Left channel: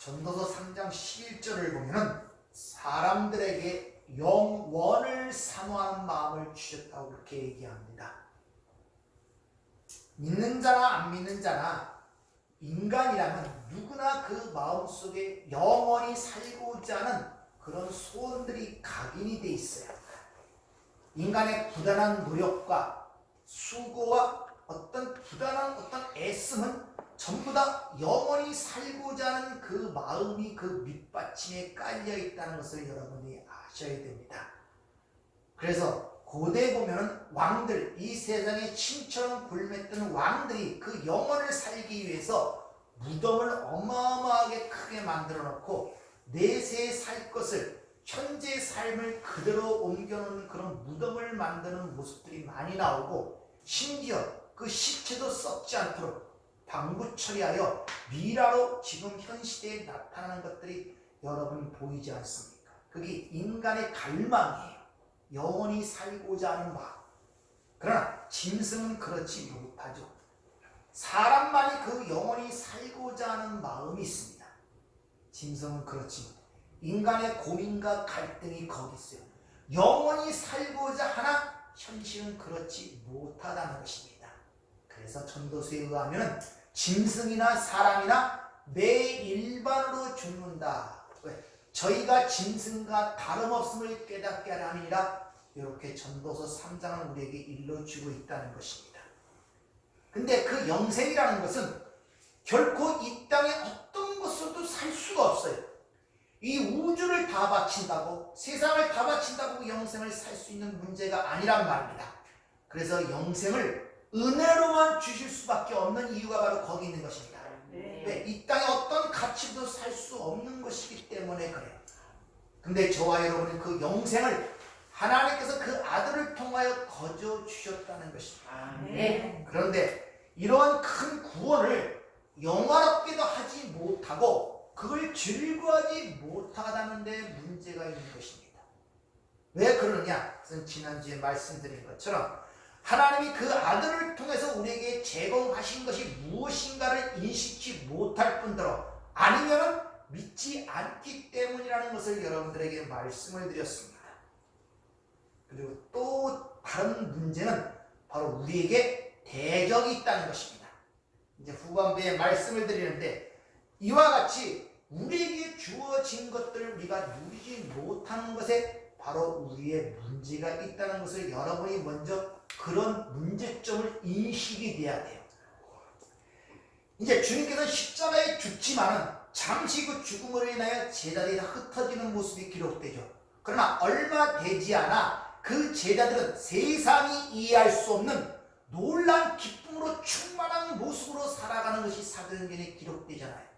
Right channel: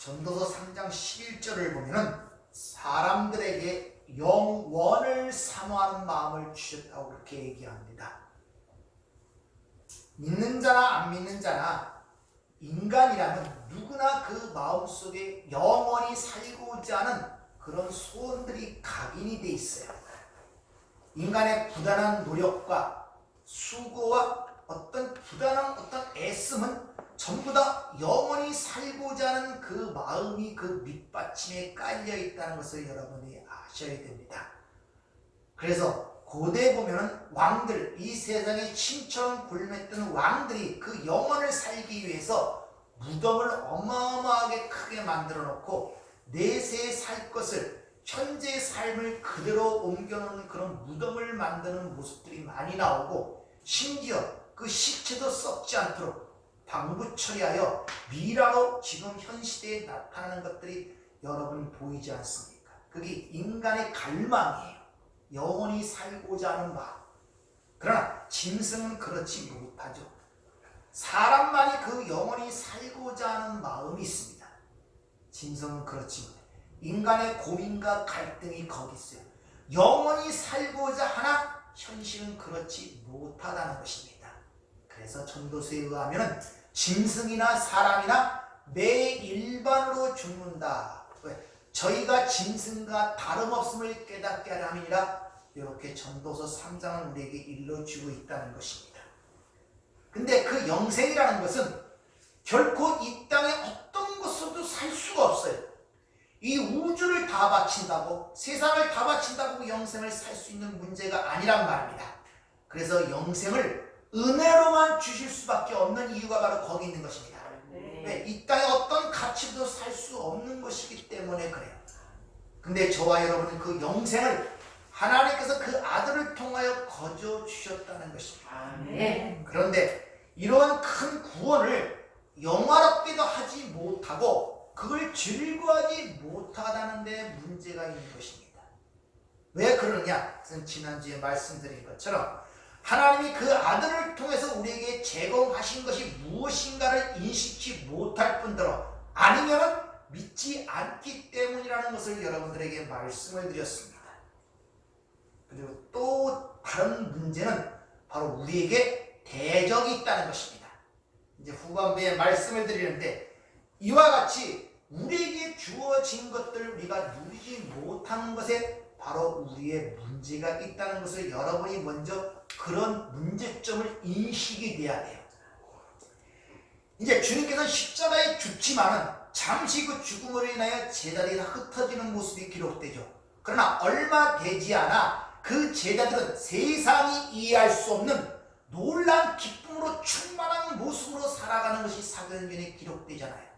전도서 3장 11절을 보면은 사람들에게 영원을 사모하는 마음을 주셨다고 그렇게 얘기합니다. 믿는 자나 안 믿는 자나 인간이라면 누구나 그 마음속에 영원히 살고자 하는 그런 소원들이 각인이 돼 있어요. 인간의 부단한 노력과 수고와 어떤 부단한 어떤 애씀은 전부 다 영원히 살고자 하는 그 마음이 그 밑받침에 깔려 있다는 것을 여러분이 아셔야 됩니다. 그래서 고대에 보면은 왕들, 이 세상에 신처럼 굴매던 왕들이 그 영혼을 살기 위해서 무덤을 어마어마하게 크게 만들어 놓고 내세에 살 것을 현재의 삶을 그대로 옮겨놓는 그런 무덤을 만드는 모습들이 많이 나오고, 심지어 그 시체도 썩지 않도록 방부 처리하여 미라로 지금 현 시대에 나타나는 것들이 여러분 보이지 않습니까? 그게 인간의 갈망이에요. 영원히 살고자 하는 마음. 그러나 짐승은 그렇지 못하죠. 사람만이 그 영원히 살고자 하는 마음이 있습니다. 짐승은 그렇지 못해요. 인간의 고민과 갈등이 거기 있어요. 영원히 살고자 하나 현실은 그렇지 못하다는 것입니다. 그래서 전도서에 의하면 짐승이나 사람이나 매 일반으로 죽는다. 왜? 저희가 짐승과 다름없음을 깨닫게 하려 함이니라. 이렇게 전도서 3장은 우리에게 일러주고 있다는 것입니다. 근데 그 영생이라는 것은 결코 이 땅에 어떤 것으로도 살 수가 없어요. 이 우주를 다 바친다고, 세상을 다 바친다고 영생을 살 수 있는 문제가 아니란 말입니다. 그래서 영생을 은혜로만 주실 수밖에 없는 이유가 바로 거기 있는 것입니다. 왜? 이 땅에 어떤 가치도 살 수 없는 것이기 때문에 그래요. 근데 저와 여러분은 그 영생을 하나님께서 그 아들을 통하여 거저 주셨다는 것입니다. 그런데 이러한 큰 구원을 영화롭게도 하지 못하고 그걸 즐거워하지 못하다는 데 문제가 있는 것입니다. 왜 그러느냐? 지난주에 말씀드린 것처럼 하나님이 그 아들을 통해서 우리에게 제공하신 것이 무엇인가를 인식치 못할 뿐더러 아니면 믿지 않기 때문이라는 것을 여러분들에게 말씀을 드렸습니다. 그리고 또 다른 문제는 바로 우리에게 대적이 있다는 것입니다. 이제 후반부에 말씀을 드리는데, 이와 같이 우리에게 주어진 것들을 우리가 누리지 못하는 것에 바로 우리의 문제가 있다는 것을 여러분이 먼저 그런 문제점을 인식이 돼야 돼요. 이제 주님께서는 십자가에 죽지만은 잠시 그 죽음으로 인하여 제자들이 다 흩어지는 모습이 기록되죠. 그러나 얼마 되지 않아 그 제자들은 세상이 이해할 수 없는 놀란 기쁨으로 충만한 모습으로 살아가는 것이 사도행전에 기록되잖아요.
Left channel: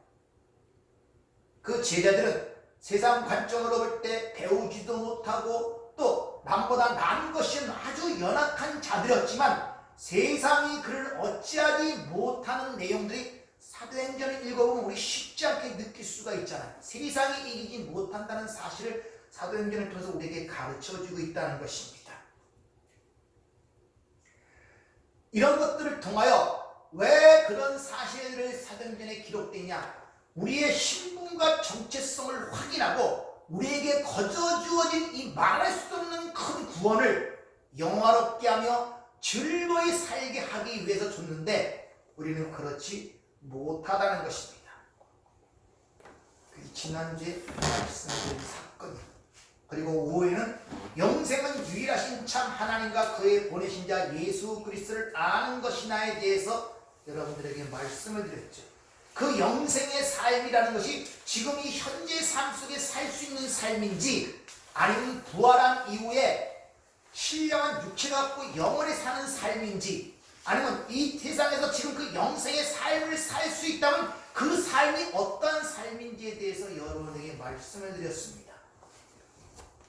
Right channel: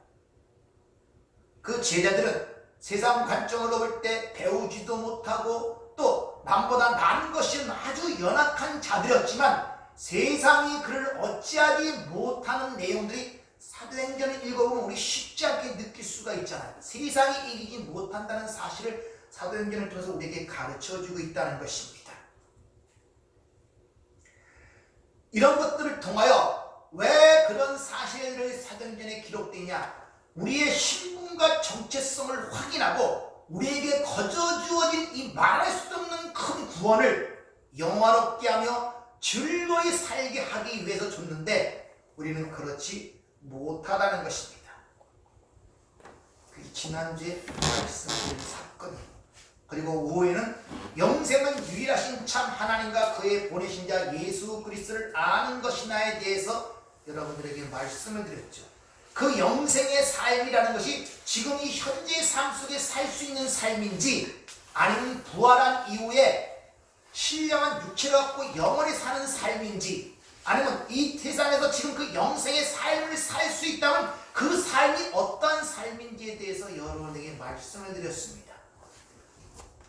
그 제자들은 세상 관점으로 볼 때 배우지도 못하고 또 남보다 나은 것이 아주 연약한 자들이었지만 세상이 그를 어찌하지 못하는 내용들이 사도행전을 읽어보면 우리 쉽지 않게 느낄 수가 있잖아요. 세상이 이기지 못한다는 사실을 사도행전을 통해서 우리에게 가르쳐주고 있다는 것입니다. 이런 것들을 통하여 왜 그런 사실을 사도행전에 기록되냐? 우리의 신분과 정체성을 확인하고 우리에게 거저 주어진 이 말할 수 없는 큰 구원을 영화롭게 하며 즐거이 살게 하기 위해서 줬는데 우리는 그렇지 못하다는 것입니다. 지난주에 말씀드린 사건, 그리고 5회는 영생은 유일하신 참 하나님과 그의 보내신 자 예수 그리스도를 아는 것이나에 대해서 여러분들에게 말씀을 드렸죠. 그 영생의 삶이라는 것이 지금 이 현재 삶 속에 살 수 있는 삶인지 아니면 부활한 이후에 신령한 육체를 갖고 영원히 사는 삶인지, 아니면 이 세상에서 지금 그 영생의 삶을 살 수 있다면 그 삶이 어떤 삶인지에 대해서 여러분에게 말씀을 드렸습니다.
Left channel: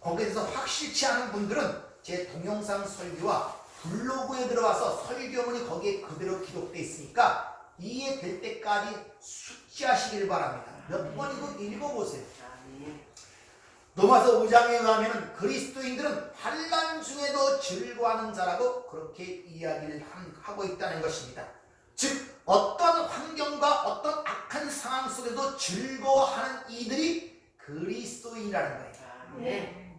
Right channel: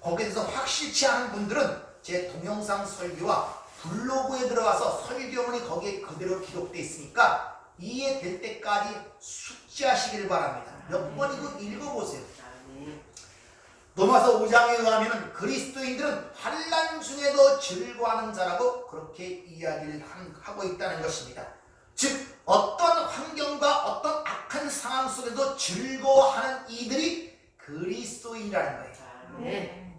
거기에 대해서 확실치 않은 분들은 제 동영상 설교와 블로그에 들어가서 설교문이 거기에 그대로 기록되어 있으니까 이해될 때까지 숙지하시기를 바랍니다. 몇 번이고 읽어보세요. 로마서 5장에 의하면 그리스도인들은 환난 중에도 즐거워하는 자라고 그렇게 이야기를 하고 있다는 것입니다. 즉 어떤 환경과 어떤 악한 상황 속에도 즐거워하는 이들이 그리스도인이라는 거예요. 네.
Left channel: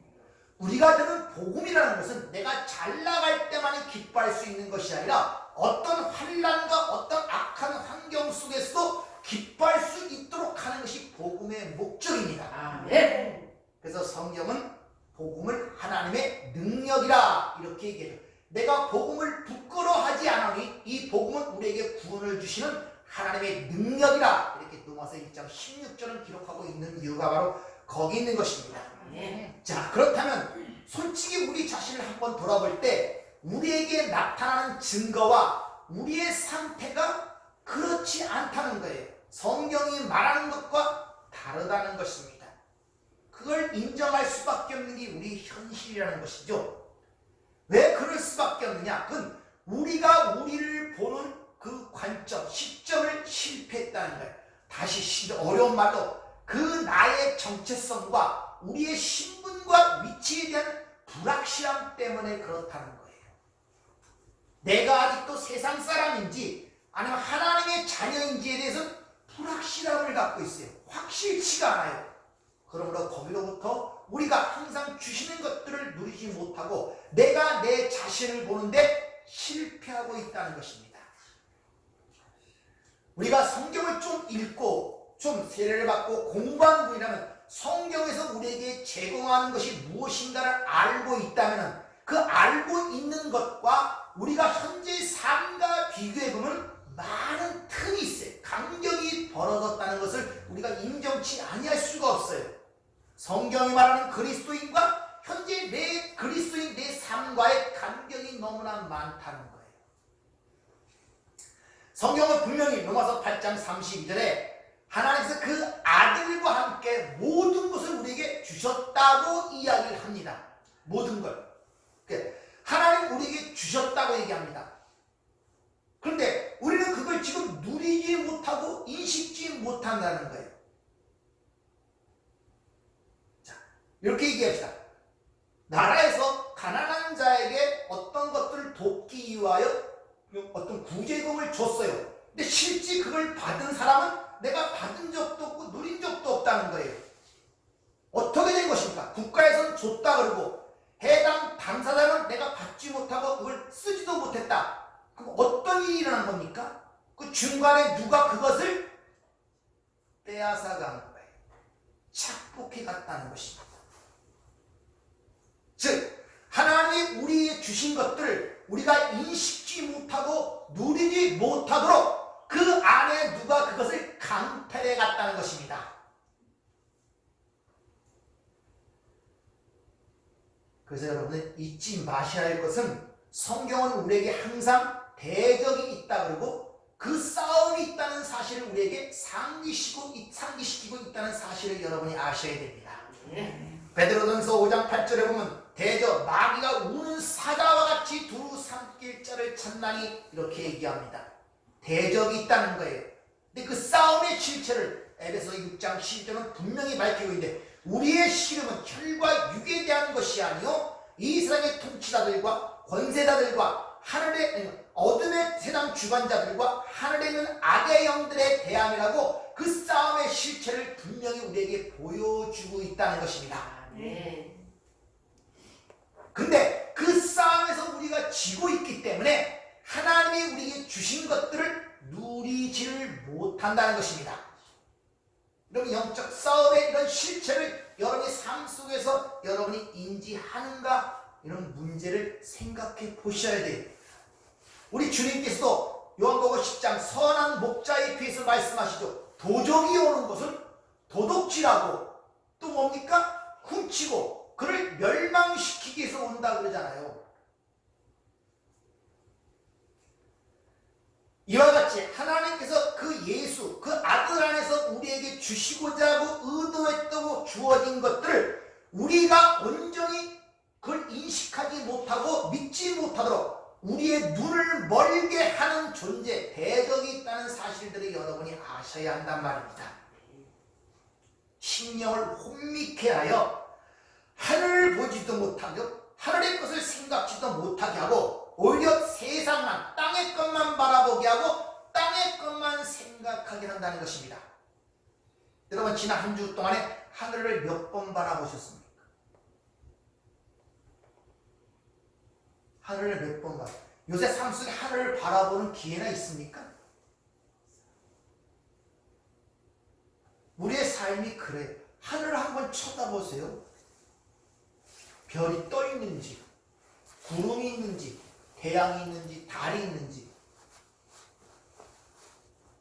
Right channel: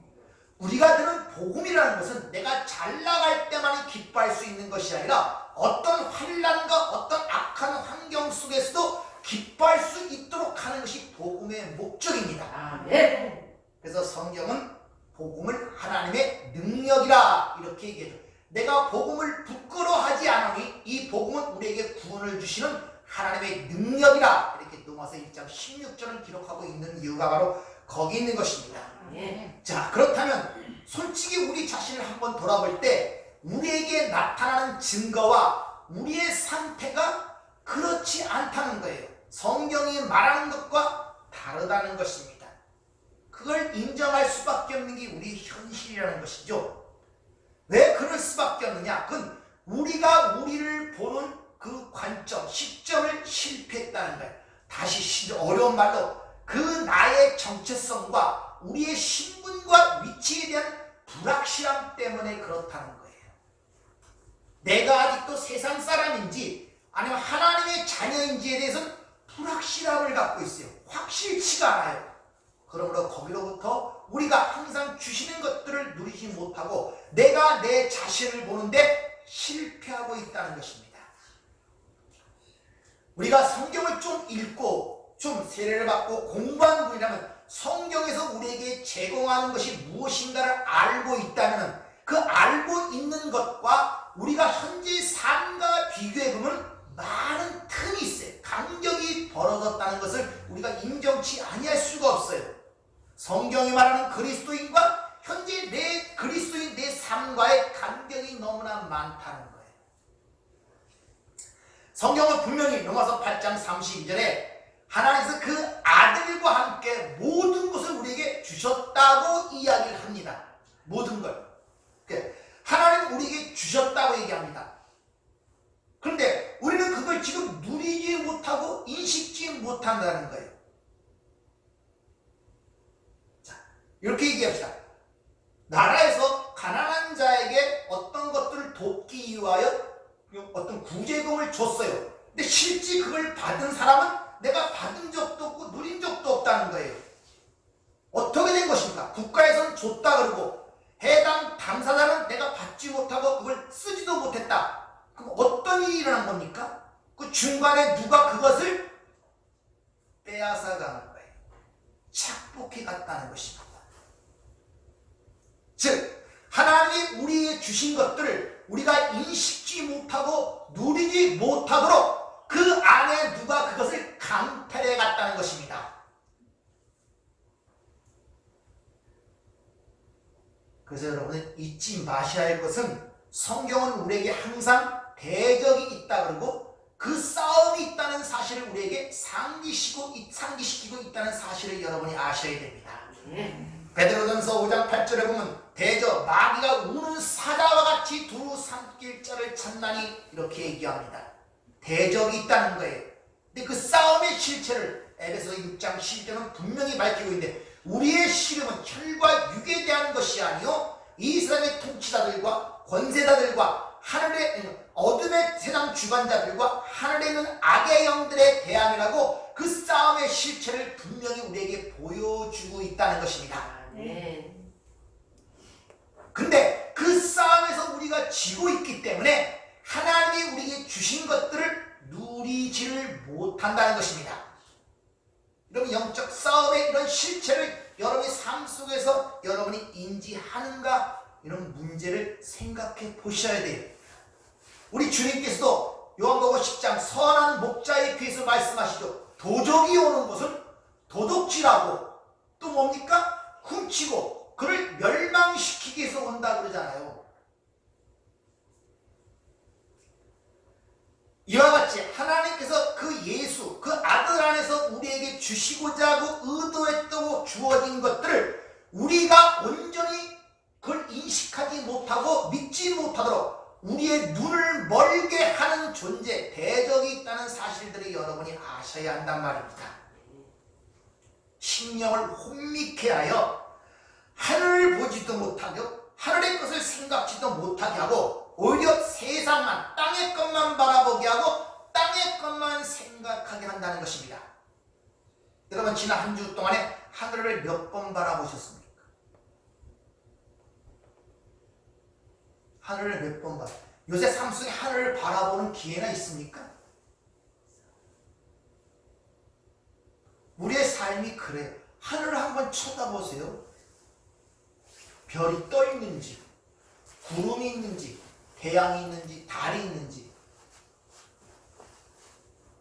우리가 들은 복음이라는 것은 내가 잘 나갈 때만이 기뻐할 수 있는 것이 아니라 어떤 환난과 어떤 악한 환경 속에서도 기뻐할 수 있도록 하는 것이 복음의 목적입니다. 네. 그래서 성경은 복음을 하나님의 능력이라 이렇게 얘기해요. 내가 복음을 부끄러워하지 않으니 이 복음은 우리에게 구원을 주시는 하나님의 능력이라 이렇게 로마서 1장 16절을 기록하고 있는 이유가 바로 거기 있는 것입니다. 네. 자, 그렇다면 솔직히 우리 자신을 한번 돌아볼 때 우리에게 나타나는 증거와 우리의 상태가 그렇지 않다는 거예요. 성경이 말하는 것과 다르다는 것입니다. 그걸 인정할 수밖에 없는 게 우리 현실이라는 것이죠. 왜 그럴 수밖에 없느냐? 그건 우리가 우리를 보는 그 관점, 시점을 실패했다는 거예요. 다시 어려운 말로 그 나의 정체성과 우리의 신분과 위치에 대한 불확실함 때문에 그렇다는 거예요. 내가 아직도 세상 사람인지 아니면 하나님의 자녀인지에 대해서는 불확실함을 갖고 있어요. 확실치가 않아요. 그러므로 거기로부터 우리가 항상 주시는 것들을 누리지 못하고 내가 내 자신을 보는데 실패하고 있다는 것입니다. 우리가 성경을 좀 읽고 좀 세례를 받고 공부하는 분이라면 성경에서 우리에게 제공하는 것이 무엇인가를 알고 있다면 그 알고 있는 것과 우리가 현재 삶과 비교해보면 많은 틈이 있어요. 간격이 벌어졌다는 것을 우리가 인정치 아니할 수가 없어요. 성경이 말하는 그리스도인과 현재 내 그리스도인 내 삶과의 간격이 너무나 많다는 거예요. 성경은 분명히 로마서 8장 32절에 하나님께서 그 아들과 함께 모든 것을 우리에게 주셨다고 이야기를 합니다. 모든 걸. 하나님 우리에게 주셨다고 얘기합니다. 그런데 우리는 그걸 지금 누리지 못하고 인식지 못한다는 거예요. 자, 이렇게 얘기합시다. 나라에서 가난한 자에게 어떤 것들을 돕기 위하여 어떤 구제금을 줬어요. 근데 실제 그걸 받은 사람은 내가 받은 적도 없고 누린 적도 없다는 거예요. 어떻게 된 것입니까? 국가에서는 줬다 그러고 해당 당사자는 내가 받지 못하고 그걸 쓰지도 못했다. 그럼 어떤 일이 일어난 겁니까? 그 중간에 누가 그것을 빼앗아 가는 거예요. 착복해 갔다는 것입니다. 즉 하나님이 우리에게 주신 것들을 우리가 인식지 못하고 누리지 못하도록 그 안에 누가 그것을 강탈해 갔다는 것입니다. 그래서 여러분은 잊지 마셔야 할 것은 성경은 우리에게 항상 대적이 있다 그러고 그 싸움이 있다는 사실을 우리에게 상기시키고 있다는 사실을 여러분이 아셔야 됩니다. 베드로전서 5장 8절에 보면 대저 마귀가 우는 사자와 같이 두루 삼킬 자를 찾나니 이렇게 얘기합니다. 대적이 있다는 거예요. 근데 그 싸움의 실체를 에베소서 6장 12절은 분명히 밝히고 있는데 우리의 씨름은 혈과 육에 대한 것이 아니요 이 세상의 통치자들과 권세자들과 하늘의 어둠의 세상 주관자들과 하늘에 있는 악의 영들의 대함이라고 그 싸움의 실체를 분명히 우리에게 보여주고 있다는 것입니다. 근데 그 싸움에서 우리가 지고 있기 때문에 하나님이 우리에게 주신 것들을 누리지를 못한다는 것입니다. 여러분 영적 싸움의 이런 실체를 여러분의 삶 속에서 여러분이 인지하는가 이런 문제를 생각해 보셔야 돼요. 우리 주님께서도 요한복음 10장 선한 목자에 비해서 말씀하시죠. 도적이 오는 것은 도둑질하고 또 뭡니까? 훔치고 그를 멸망시키기 위해서 온다 그러잖아요. 이와 같이 하나님께서 그 예수, 그 아들 안에서 우리에게 주시고자 하고 의도했다고 주어진 것들을 우리가 온전히 그걸 인식하지 못하고 믿지 못하도록 우리의 눈을 멀게 하는 존재, 대적이 있다는 사실들을 여러분이 아셔야 한단 말입니다. 심령을 혼미케 하여 하늘을 보지도 못하고 하늘의 것을 생각지도 못하게 하고 오히려 세상만 땅의 것만 바라보게 하고 땅의 것만 생각하게 한다는 것입니다. 여러분 지난 한 주 동안에 하늘을 몇 번 바라보셨습니까? 하늘을 몇 번 바라? 요새 삶 속에 하늘을 바라보는 기회나 있습니까? 우리의 삶이 그래요. 하늘을 한번 쳐다보세요. 별이 떠 있는지, 구름이 있는지, 태양이 있는지, 달이 있는지,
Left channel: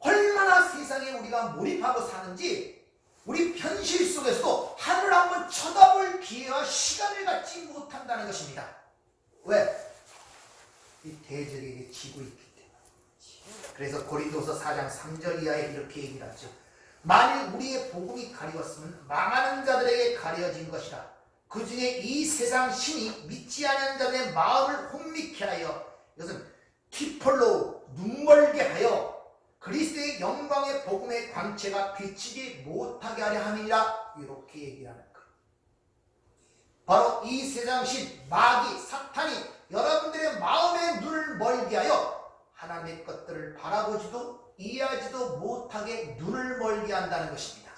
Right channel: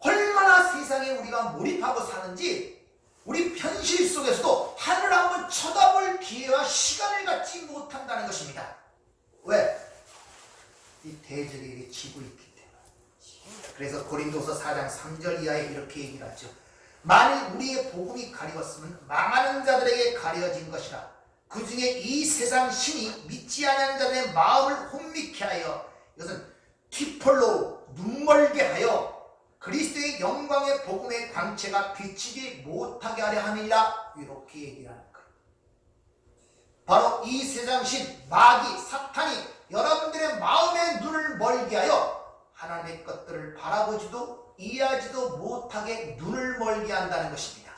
얼마나 세상에 우리가 몰입하고 사는지 우리 현실 속에서도 하늘을 한번 쳐다볼 기회와 시간을 갖지 못한다는 것입니다. 왜? 이 대적에게 지고 있기 때문에. 그래서 고린도서 4장 3절 이하에 이렇게 얘기를 하죠. 만일 우리의 복음이 가려웠으면 망하는 자들에게 가려진 것이라. 그 중에 이 세상 신이 믿지 않은 자들의 마음을 혼미케 하여, 이것은 티폴로 눈멀게 하여 그리스도의 영광의 복음의 광채가 비치지 못하게 하려 함이라. 이렇게 얘기하는 거예요. 바로 이 세상 신 마귀 사탄이 여러분들의 마음의 눈을 멀게 하여 하나님의 것들을 바라보지도 이해하지도 못하게 눈을 멀게 한다는 것입니다.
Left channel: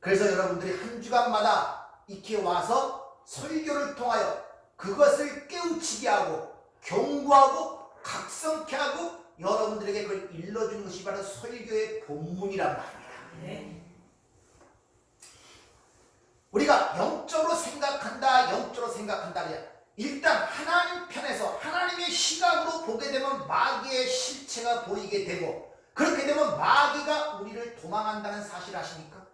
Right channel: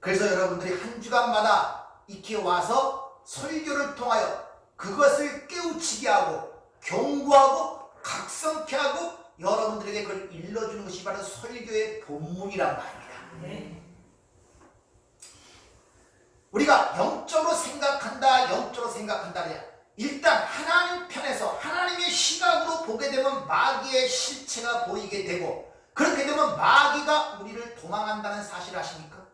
그래서 여러분들이 한 주간마다 이렇게 와서 설교를 통하여 그것을 깨우치게 하고 경고하고 각성케 하고 여러분들에게 그걸 일러주는 것이 바로 설교의 본문이란 말입니다. 네. 우리가 영적으로 생각한다. 일단 하나님 편에서 하나님의 시각으로 보게 되면 마귀의 실체가 보이게 되고, 그렇게 되면 마귀가 우리를 도망한다는 사실 아십니까?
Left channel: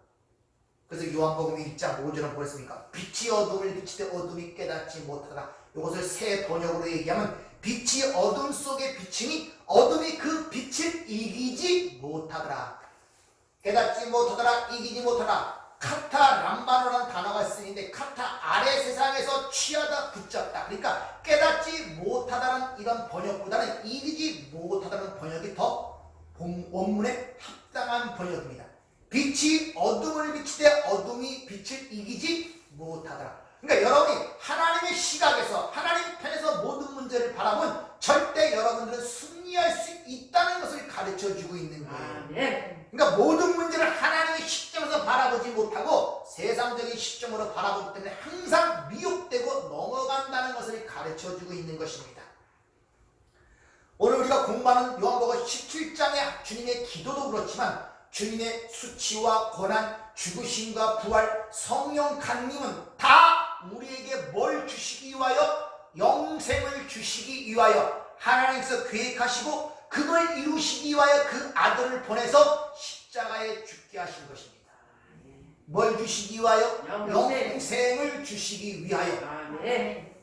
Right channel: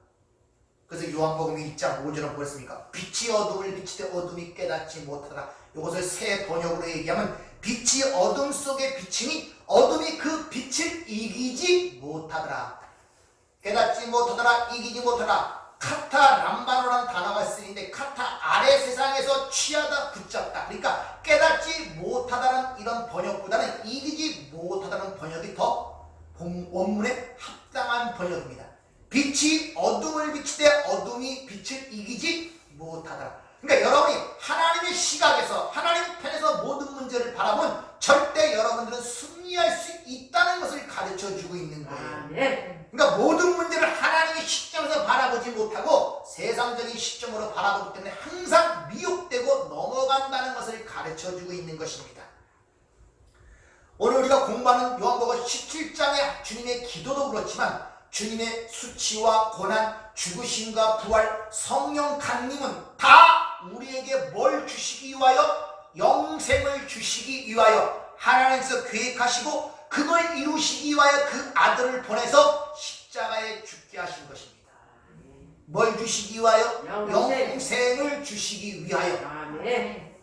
그래서 요한복음 1장 5절은 보였습니까? 빛이 어둠을 비치되 어둠이 깨닫지 못하더라. 이것을 새 번역으로 얘기하면 빛이 어둠 속에 비치니 어둠이 그 빛을 이기지 못하더라. 깨닫지 못하더라. 이기지 못하더라. 카타 람바노라는 단어가 쓰이는데, 카타 아래 세상에서 취하다 붙잡다, 그러니까 깨닫지 못하다는 이런 번역보다는 이기지 못하다는 번역이 더 원문에 합당한 번역입니다. 빛이 어둠을 비치되 어둠이 빛을 이기지 못하더라. 그러니까 여러분이 하나님의 시각에서 하나님 편에서 모든 문제를 바라보면 절대 여러분들은 승리할 수 있다는 것을 가르쳐주고 있는 거예요. 네. 그러니까 모든 문제를 하나님의 시점에서 바라보지 못하고 세상적인 시점으로 바라보기 때문에 항상 미혹되고 넘어간다는 것을 가르쳐주고 있는 것입니다. 오늘 우리가 공부하는 요한복음 17장의 주님의 기도도 그렇지만 주님의 수치와 고난, 죽으심과 부활, 성령 강림은 다 우리에게 뭘 주시기 위하여? 영생을 주시기 위하여 하나님께서 계획하시고 그걸 이루시기 위하여 그 아들을 보내서 십자가에 죽게 하신 것입니다. 뭘 주시기 위하여? 영생을 주시기 위하여. 네.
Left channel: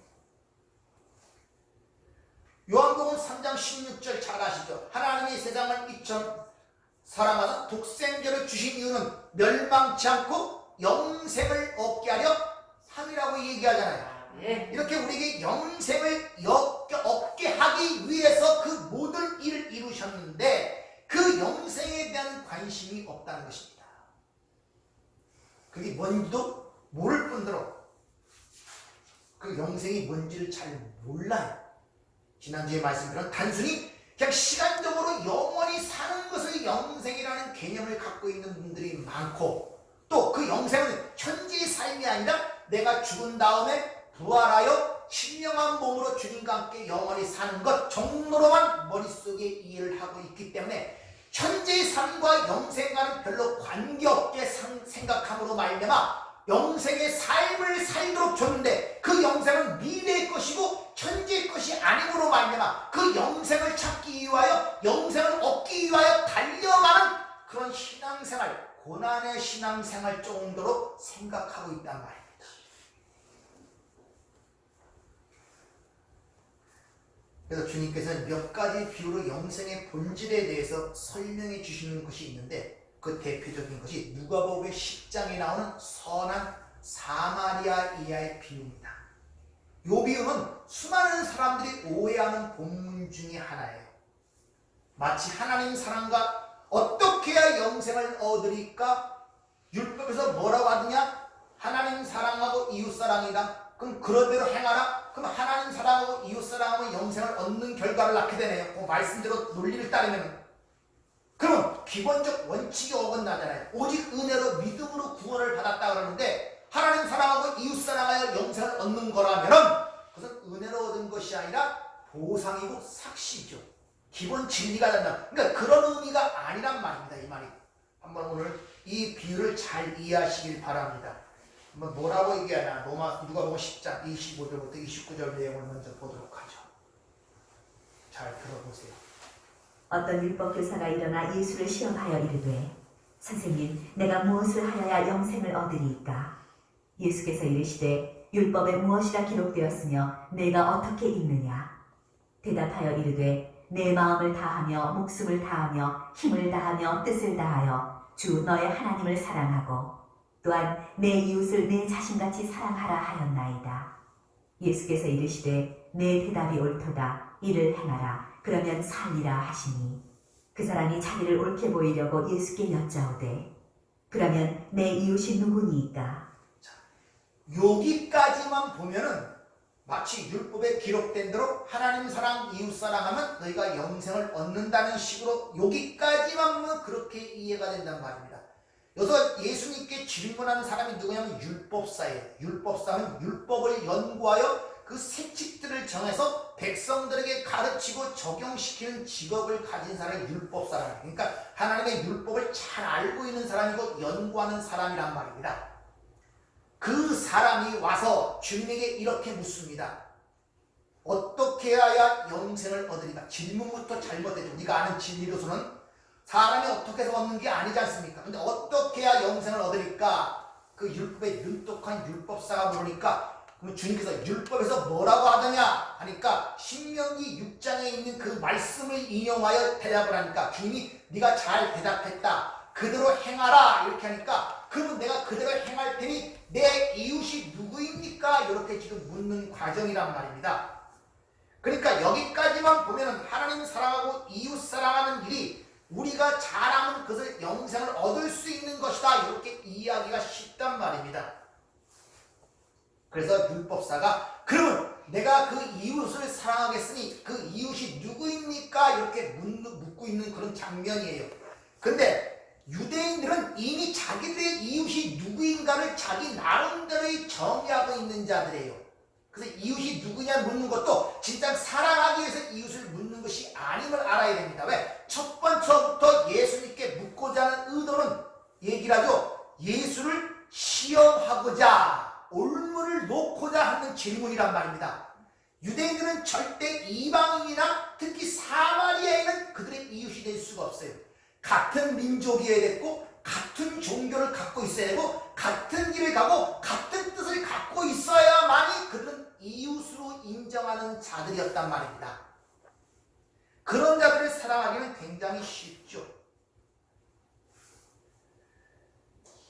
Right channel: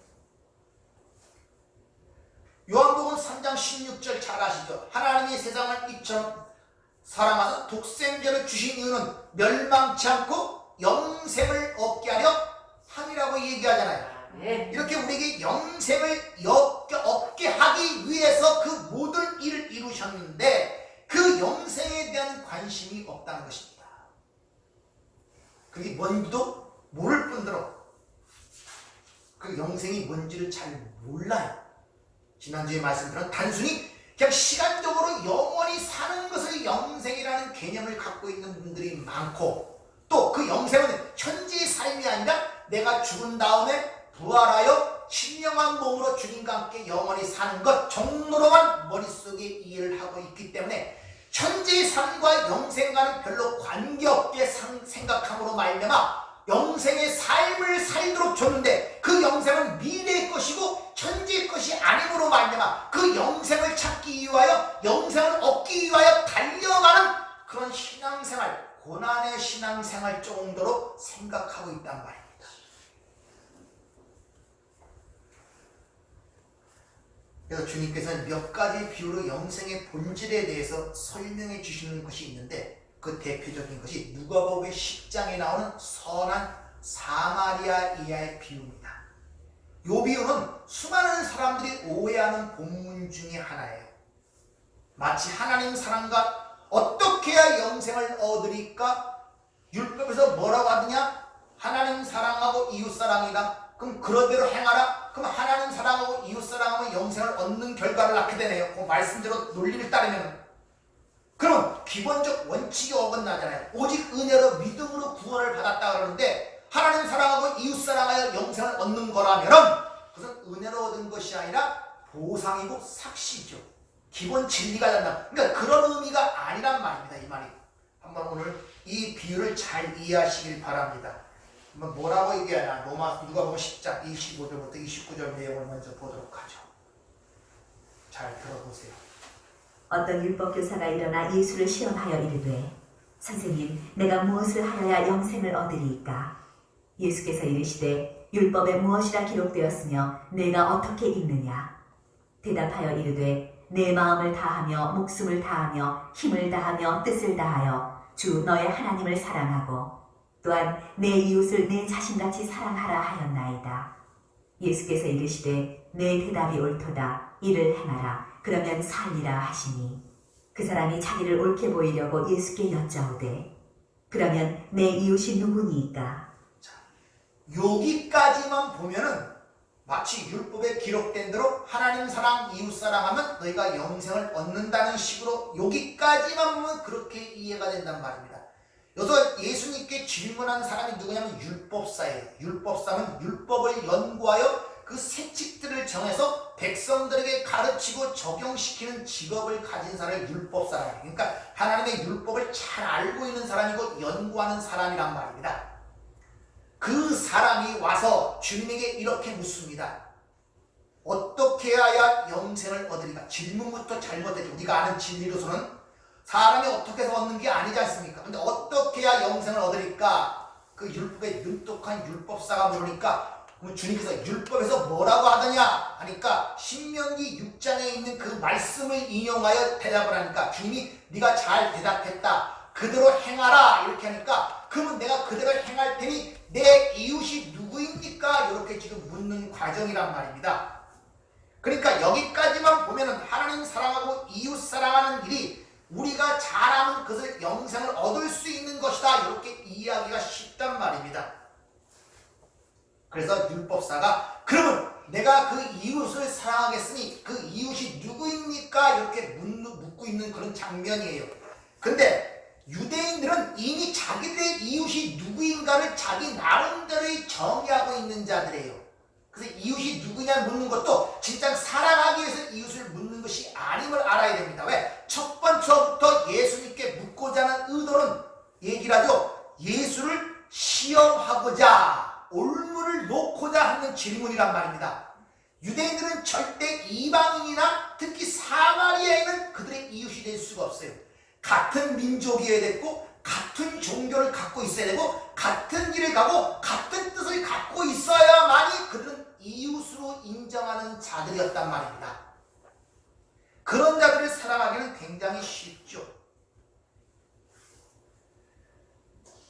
요한복음 3장 16절 잘 아시죠? 하나님이 세상을 이처럼 사랑하사 독생자를 주신 이유는 멸망치 않고 영생을 얻게 하려 함이라고 얘기하잖아요. 네. 이렇게 우리에게 영생을 얻게 하기 위해서 그 모든 일을 이루셨는데 그 영생에 대한 관심이 없다는 것입니다. 그게 뭔지도 모를 뿐더러 그 영생이 뭔지를 잘 몰라요. 지난주에 말씀드린 단순히 그냥 시간적으로 영원히 사는 것을 영생이라는 개념을 갖고 있는 분들이 많고, 또 그 영생은 현재의 삶이 아니라 내가 죽은 다음에 부활하여 신령한 몸으로 주님과 함께 영원히 사는 것 정도로만 머릿속에 이해를 하고 있기 때문에 현재의 삶과 영생과는 별로 관계없게 생각함으로 말미암아 영생의 삶을 살도록 줬는데 그 영생은 미래의 것이고 현재의 것이 아님으로 말미암아 그 영생을 찾기 위하여 영생을 얻기 위하여 달려가는 그런 신앙생활, 고난의 신앙생활 정도로 생각하고 있단 말입니다. 그래서 주님께서는 몇 가지 비유로 영생의 본질에 대해서 설명해 주시는 것이 있는데, 그 대표적인 것이 누가복음 10장에 나오는 선한 사마리아인의 비유입니다. 이 비유는 수많은 사람들이 오해하는 본문 중에 하나예요. 마치 하나님 사랑과 어떻게 해야 영생을 얻으리까? 율법에서 뭐라고 하느냐? 하나님 사랑하고 이웃 사랑이다. 그럼 그러대로 행하라. 그럼 하나님 사랑하고 이웃 사랑하면 영생을 얻는 결과를 낳게 되네요. 그 말씀대로 논리를 따르면. 그러면 기본적 원칙이 어긋나잖아요. 오직 은혜로 믿음으로 구원을 받았다 그러는데 하나님 사랑하고 이웃 사랑하여 영생을 얻는 거라면은 그것은 은혜로 얻은 것이 아니라 보상이고 삭시죠. 기본 진리가 된다. 그러니까 그런 의미가 아니란 말입니다. 이 말이. 한번 오늘 이 비유를 잘 이해하시길 바랍니다. 한번 뭐라고 얘기하냐. 누가복음 10장 25절부터 29절 내용을 먼저 보도록 하죠. 잘 들어보세요. 어떤 율법교사가 일어나 예수를 시험하여 이르되 선생님 내가 무엇을 하여야 영생을 얻으리이까. 예수께서 이르시되 율법에 무엇이라 기록되었으며 내가 어떻게 읽느냐. 대답하여 이르되 내 마음을 다하며 목숨을 다하며 힘을 다하며 뜻을 다하여 주 너의 하나님을 사랑하고 또한 내 이웃을 내 자신같이 사랑하라 하였나이다. 예수께서 이르시되 내 대답이 옳도다. 이를 행하라. 그러면 살리라 하시니 그 사람이 자기를 옳게 보이려고 예수께 여짜오되 그러면 내 이웃이 누구니이까. 여기까지만 보면은 마치 율법에 기록된 대로 하나님 사랑 이웃 사랑하면 너희가 영생을 얻는다는 식으로 여기까지만 보면 그렇게 이해가 된단 말입니다. 여기서 예수님께 질문하는 사람이 누구냐면 율법사예요. 율법사는 율법을 연구하여 그 세칙들을 정해서 백성들에게 가르치고 적용시키는 직업을 가진 사람이 율법사라는 거예요. 그러니까 하나님의 율법을 잘 알고 있는 사람이고 연구하는 사람이란 말입니다. 그 사람이 와서 주님에게 이렇게 묻습니다. 어떻게 해야 영생을 얻으리까? 질문부터 잘못되죠. 우리가 아는 진리로서는 사람이 어떻게 해서 얻는 게 아니지 않습니까? 근데 어떻게 해야 영생을 얻으리까? 그 율법에 눈똑한 율법사가 물으니까 그럼 주님께서 율법에서 뭐라고 하더냐 하니까 신명기 6장에 있는 그 말씀을 인용하여 대답을 하니까 주님이 네가 잘 대답했다. 그대로 행하라 이렇게 하니까 그러면 내가 그대로 행할 테니 내 이웃이 누구입니까? 이렇게 지금 묻는 과정이란 말입니다. 그러니까 여기까지만 보면은 하나님 사랑하고 이웃 사랑하는 일이 우리가 잘하면 그것을 영생을 얻을 수 있는 것이다. 이렇게 이해하기가 쉽단 말입니다. 그래서 율법사가 그러면 내가 그 이웃을 사랑하겠으니 그 이웃이 누구입니까? 이렇게 묻고 있는 그런 장면이에요. 근데 유대인들은 이미 자기들의 이웃이 누구인가를 자기 나름대로의 정의하고 있는 자들이에요. 그래서 이웃이 누구냐 묻는 것도 진짜 사랑하기 위해서 이웃을 묻는 것이 아님을 알아야 됩니다. 왜? 첫 번째부터 예수님께 묻고자 하는 의도는 얘기를 하죠. 예수를 시험하고자 올무를 놓고자 하는 질문이란 말입니다. 유대인들은 절대 이방인이나 특히 사마리아인은 그들의 이웃이 될 수가 없어요. 같은 민족이어야 되고 같은 종교를 갖고 있어야 되고 같은 길을 가고 같은 뜻을 갖고 있어야만이 그들은 이웃으로 인정하는 자들이었단 말입니다. 그런 자들을 사랑하기는 굉장히 쉽죠.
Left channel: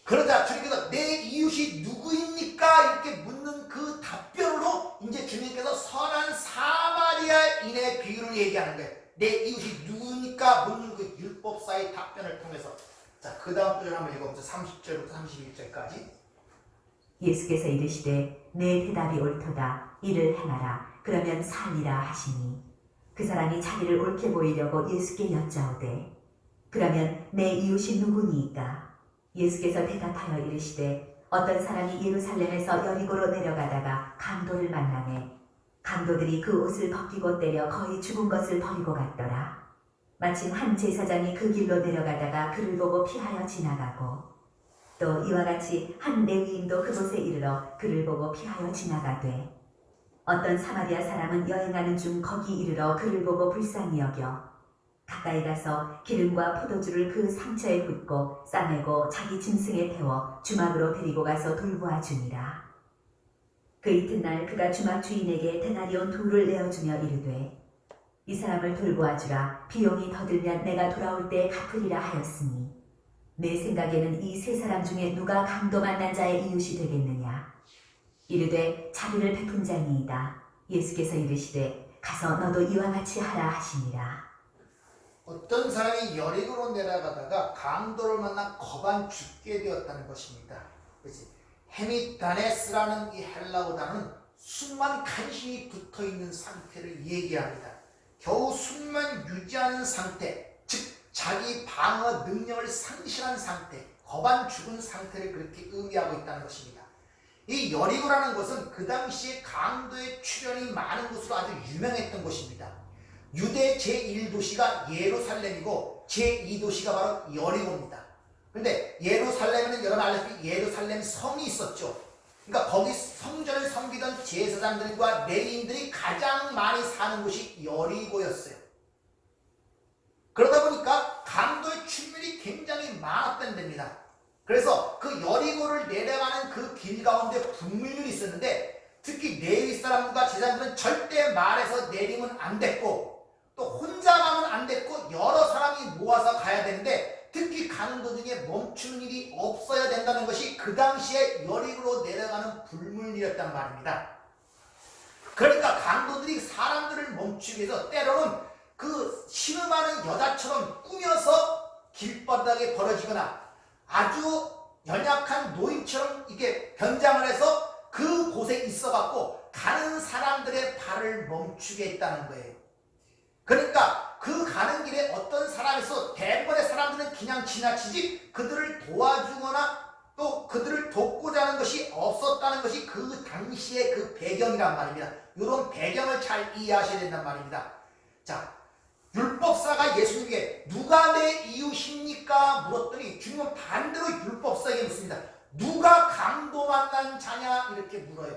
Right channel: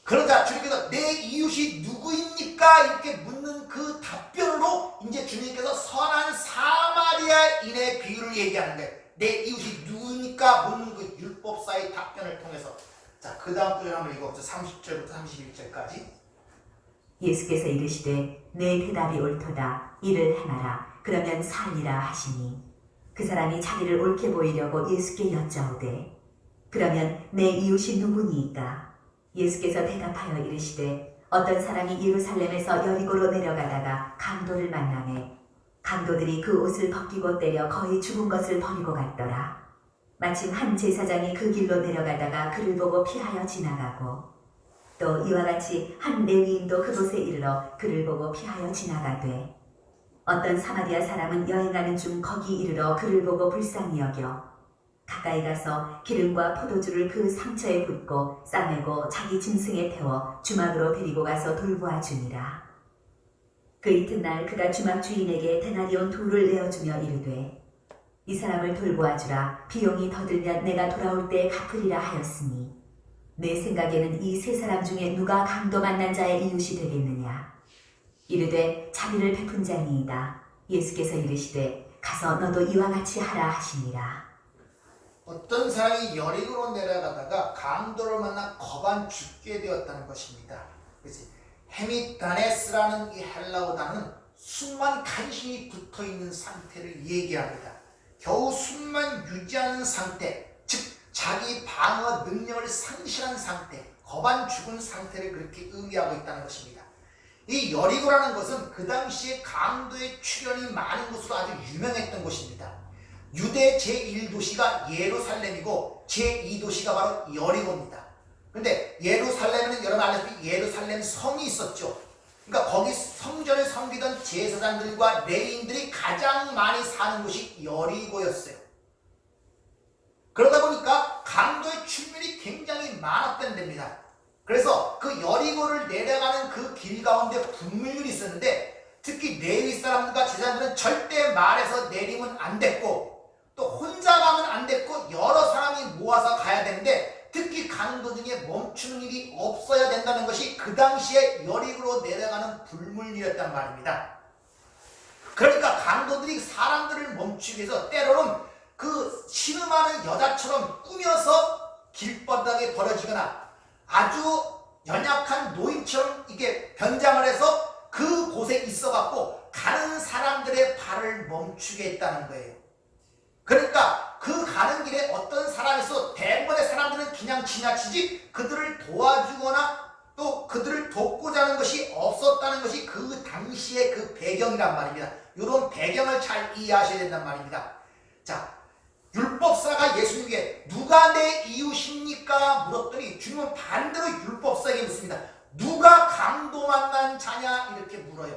그러자 주님께서 내 이웃이 누구입니까? 이렇게 묻는 그 답변으로 이제 주님께서 선한 사마리아인의 비유를 얘기하는 거예요. 내 이웃이 누구니까 묻는 그 율법사의 답변을 통해서. 자, 그 다음 구절 한번 읽어보세요. 30절부터 31절까지. 예수께서 이르시되 내 대답이 옳도다. 이를 행하라. 그러면 살리라 하시니 그 사람이 자기를 옳게 보이려고 예수께 여짜오되 그러면 내 이웃이 누구니이까. 예수께서 대답하여 이르시되 어떤 사람이 예루살렘에서 여리고로 내려가다가 강도를 만나매 강도들이 그 옷을 벗기고 때려 거의 죽은 것을 버리고 갔더라. 마침 한 제사장이 그 길로 내려가다가 그를 보고 피하여 지나가고 또 이와 같이 한 레위인도 그곳에 이르러 그를 보고 피하여 지나가되 어떤 사마리아 사람은 여행하는 중 거기 이르러 그를 보고 불쌍히 여겨 가까이 가서 기름과 포도주를 그 상처에 붓고 싸매고 자기 짐승에 태워 주막으로 데리고 가서 돌보아 주니라. 그 이튿날 그가 주막 주인에게 데나리온 2를 내어주며 이르되 이 사람을 돌보아 주라. 비용이 더 들면 내가 돌아올 때에 갚으리라 하였으니 내 생각에는 이 세 사람 중에 누가 강도 만난 자의 이웃이 되겠느냐. 이르되 자비를 베푼 자니이다. 예수께서 이르시되 가서 너도 이와 같이 하라 하시니라. 어떤 사람이 여리고로 내려가다가 강도를 만나 거반 죽게 되었다는 것입니다. 그렇지? 헤미다네스라는 이 헬라어 단어는 숨만 간신히 붙어있는 상태를 얘기합니다. 겨우 숨만 유지하는 상태, 즉 자기 방어 능력을 상실한 상태, 거반 죽은 상태를 그렇게 의미하고 있다는 것입니다. 이 여리고라는 것은 그 당시에 강도의 출현이 많은 곳으로 아주 유명했던 곳입니다. 유대 제1도시가 예루살렘이고 제2도시가 바로 여리고입니다. 그런데 예루살렘에는 여러분 알다시피 예루살렘 성이 있었죠. 그러니까 거기 성전을 섬기던 제사장들과 레위인들이 가장 많이 사는 곳이 여리고였어요. 그러다 보니까 강도의 출밀이 굉장히 많았던 데입니다. 그래서 그 여리고를 내려가는 그 길 가운데 분물률이 있었는데 특히 레위 사람들과 제사장들은 절대 말에서 내리면 안 됐고 또 혼자 가면 안 됐고 여러 사람이 모아서 가야 되는데 특히 강도 중에 멈추는 일이 없어야 된다는 것이 그 당시에 여리고로 내려가는 불물이었단 말입니다. 그러니까 강도들이 사람들을 멈추기 위해서 때로는 그 신음하는 여자처럼 꾸며서 길바닥에 버려지거나 아주 연약한 노인처럼 이게 변장을 해서 그곳에 있어갖고 가는 사람들의 발을 멈추게 했다는 거예요. 그러니까 그 가는 길에 어떤 사람이 있어 대부분의 사람들은 그냥 지나치지 그들을 도와주거나 또 그들을 돕고자 하는 것이 없었다는 것이 그 당시의 그 배경이란 말입니다. 이런 배경을 잘 이해하셔야 된단 말입니다. 자, 율법사가 예수님에게 누가 내 이웃입니까? 물었더니 주님은 반대로 율법사에게 묻습니다. 누가 강도 만난 자냐? 이렇게 물어요.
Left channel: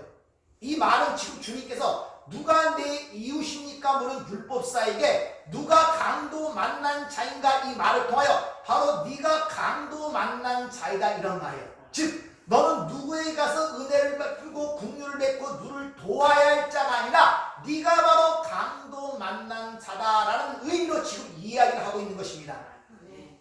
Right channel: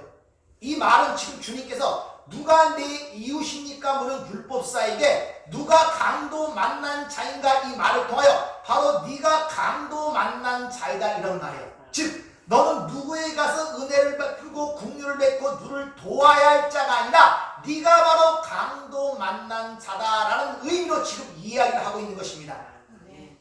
이 말은 지금 주님께서 누가 내 이웃입니까? 물은 율법사에게 누가 강도 만난 자인가? 이 말을 통하여 바로 네가 강도 만난 자이다 이런 말이에요. 즉 너는 누구에게 가서 은혜를 베풀고 긍휼을 맺고 누를 도와야 할 자가 아니라 네가 바로 강도 만난 자다라는 의미로 지금 이야기를 하고 있는 것입니다. 네.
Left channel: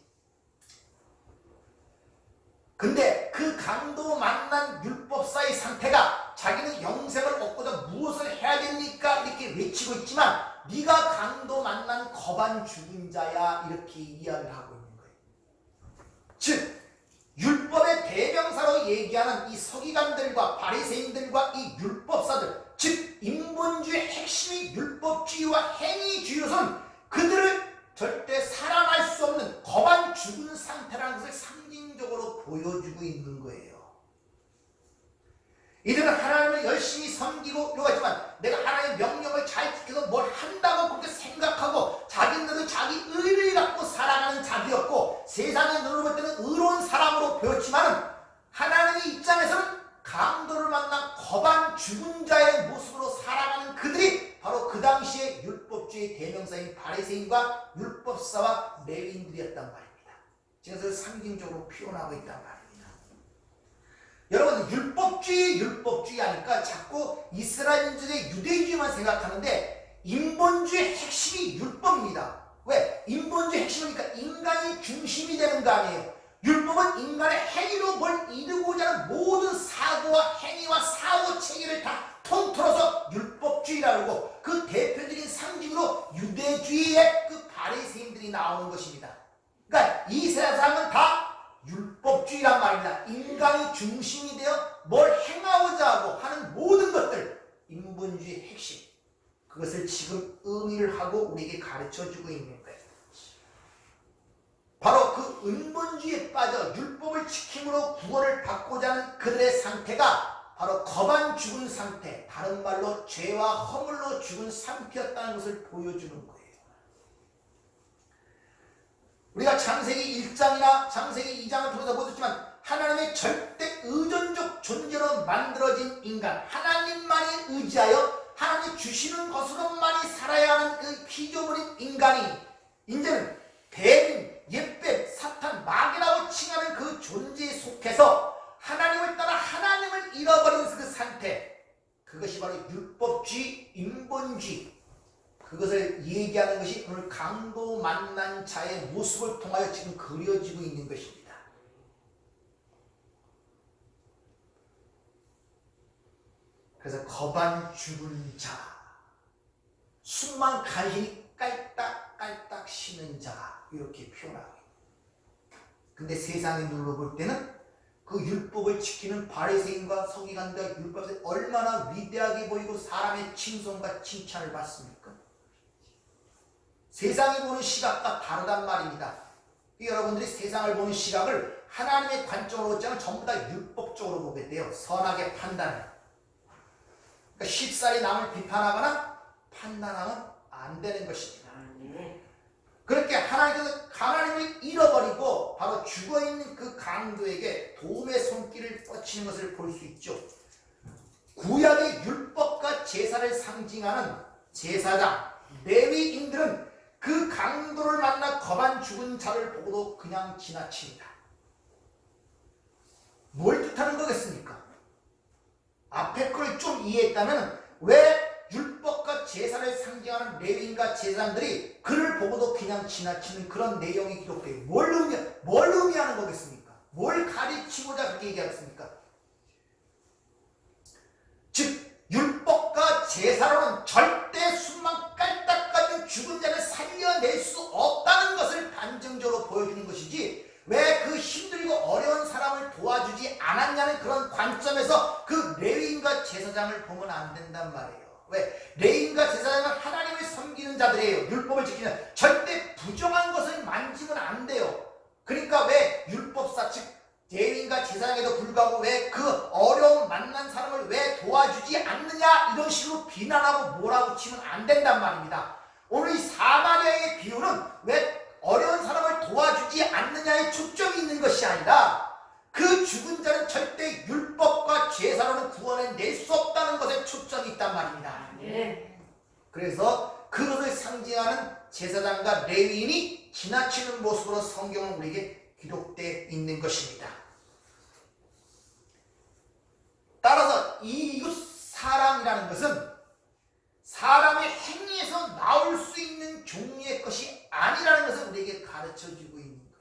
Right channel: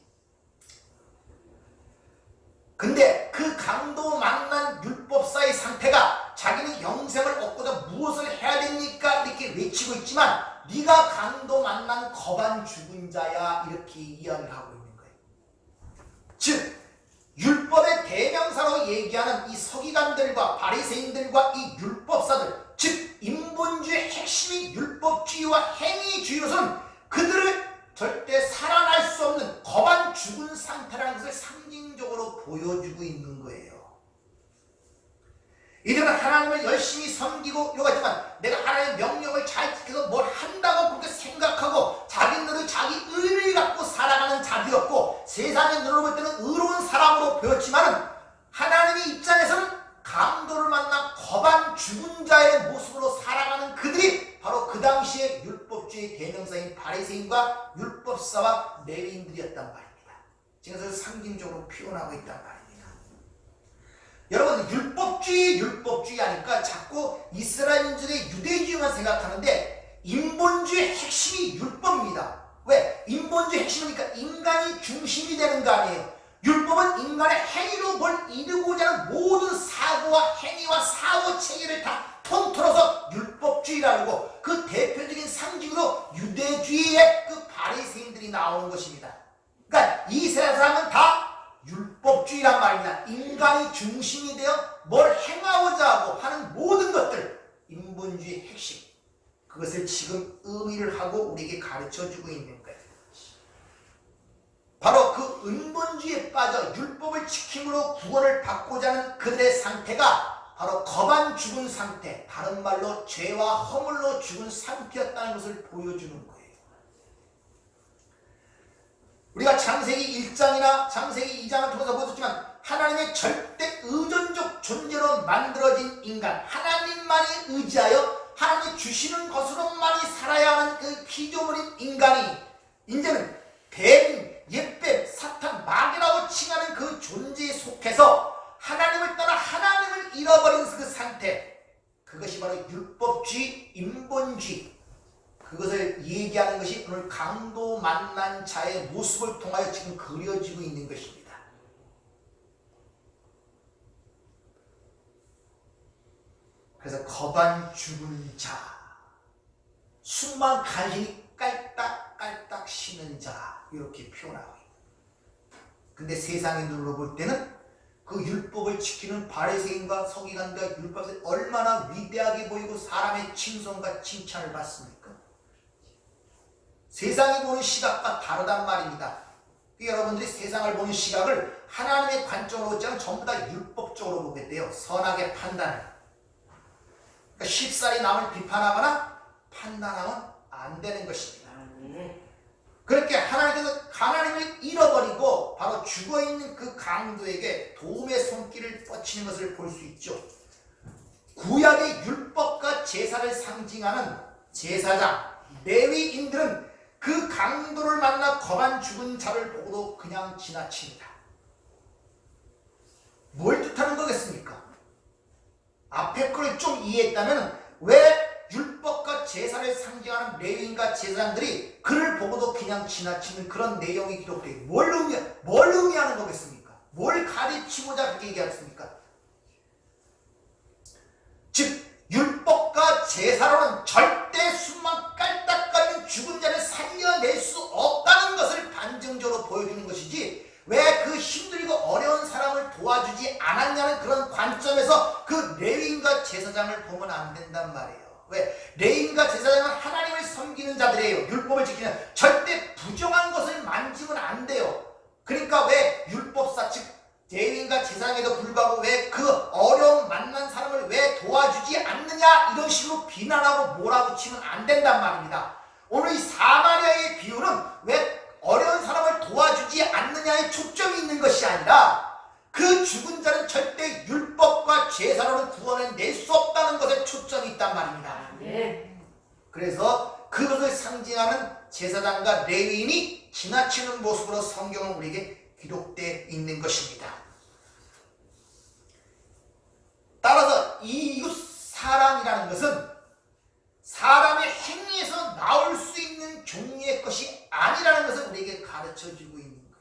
근데 그 강도 만난 율법사의 상태가 자기는 영생을 얻고자 무엇을 해야 됩니까? 이렇게 외치고 있지만 네가 강도 만난 거반 죽은 자야 이렇게 이야기를 하고 있는 거예요. 즉 율법의 대명사로 얘기하는 이 서기관들과 바리새인들과 이 율법사들, 즉 인본주의의 핵심이 율법주의와 행위주의로서는 그들을 절대 살아날 수 없는 거반 죽은 상태라는 것을 상징적으로 보여주고 있는 거예요. 이들은 하나님을 열심히 섬기고 요구하지만 내가 하나님의 명령을 잘 지켜서 뭘 한다고 그렇게 생각하고 자기들은 자기 의를 갖고 살아가는 자들이었고 세상의 눈으로 볼 때는 의로운 사람으로 보였지만은 하나님의 입장에서는 강도를 만나 거반 죽은 자의 모습으로 살아가는 그들이 바로 그 당시에 율법주의 대명사인 바리새인과 율법사와 레위인들이었단 말입니다. 지금 그래서 상징적으로 표현하고 있단 말입니다. 여러분 율법주의 하니까 자꾸 이스라엘인들의 유대주의만 생각하는데 인본주의 핵심이 율법입니다. 왜? 인본주의 핵심이니까 인간이 중심이 되는 거 아니에요. 율법은 인간의 행위로 뭘 이루고자 하는 모든 사고와 행위와 사고 체계를 다 통틀어서 율법주의라고 하고 그 대표적인 상징으로 유대주의의 그 바리새인들이 나오는 것입니다. 그러니까 이 세 사람은 다 율법주의란 말입니다. 인간이 중심이 되어 뭘 행하고자 하고 하는 모든 것들 인본주의의 핵심 그것을 지금 의미를 하고 우리에게 가르쳐주고 있는 거예요. 바로 그 인본주의에 빠져 율법을 지킴으로 구원을 받고자 하는 그들의 상태가 바로 거반 죽은 상태, 다른 말로 죄와 허물로 죽은 상태였다는 것을 보여주는 거예요. 우리가 창세기 1장이나 창세기 2장을 통해서 보셨지만 하나님의 절대 의존적 존재로 만들어진 인간, 하나님만이 의지하여 하나님이 주시는 것으로만이 살아야 하는 그 피조물인 인간이 이제는 뱀, 옛뱀, 사탄, 마귀라고 칭하는 그 존재에 속해서 하나님을 떠나 하나님을 잃어버린 그 상태, 그것이 바로 율법주의, 인본주의, 그것을 얘기하는 것이 오늘 강도 만난 자의 모습을 통하여 지금 그려지고 있는 것입니다. 그래서 거반 죽은 자, 숨만 간신히 깔딱깔딱 쉬는 자 이렇게 표현하고 있습니다. 근데 세상의 눈으로 볼 때는 그 율법을 지키는 바리새인과 서기관과 율법이 얼마나 위대하게 보이고 사람의 칭송과 칭찬을 받습니까? 세상이 보는 시각과 다르단 말입니다. 여러분들이 세상을 보는 시각을 하나님의 관점으로 보지 않으면 전부 다 율법적으로 보게 돼요. 선악의 판단을. 그러니까 쉽사리 남을 비판하거나 판단하면 안 되는 것입니다. 그렇게 하나님을 잃어버리고 바로 죽어있는 그 강도에게 도움의 손길을 뻗치는 것을 볼 수 있죠. 구약의 율법과 제사를 상징하는 제사장, 레위인들은 그 강도를 만나 거반 죽은 자를 보고도 그냥 지나칩니다. 뭘 뜻하는 거겠습니까? 앞에 걸 좀 이해했다면 왜 율법과 제사를 상징하는 레위인과 제사장들이 그를 보고도 그냥 지나치는 그런 내용이 기록돼요. 뭘 의미하는 거겠습니까? 뭘 가르치고자 그렇게 얘기하겠습니까? 즉 율법과 제사로는 절대 숨만 깔딱거리는 죽은 자를 살려낼 수 없다는 것을 반증적으로 보여주는 것이지, 왜 그 힘들고 어려운 사람을 도와주지 않았냐는 그런 관점에서 그 레위인과 제사장을 보면 안 된단 말이에요. 왜? 레위인과 제사장은 하나님을 섬기는 자들이에요. 율법을 지키는, 절대 부정한 것을 만지면 안 돼요. 그러니까 왜 율법사 즉 레위인과 제사장에도 불구하고 왜 그 어려움 만난 사람을 왜 도와주지 않느냐 이런 식으로 비난하고 몰아붙이면 안 된단 말입니다. 오늘 이 사마리아의 비유는 왜 어려운 사람을 도와주지 않느냐에 초점이 있는 것이 아니라 그 죽은 자는 절대 율법과 제사로는 구원을 낼 수 없다는 것에 초점이 있단 말입니다. 그래서 그것을 상징하는 제사장과 레위인이 지나치는 모습으로 성경은 우리에게 기록되어 있는 것입니다. 따라서 이 이웃 사랑이라는 것은 사람의 행위에서 나올 수 있는 종류의 것이 아니라는 것을 우리에게 가르쳐주고 있는 거예요.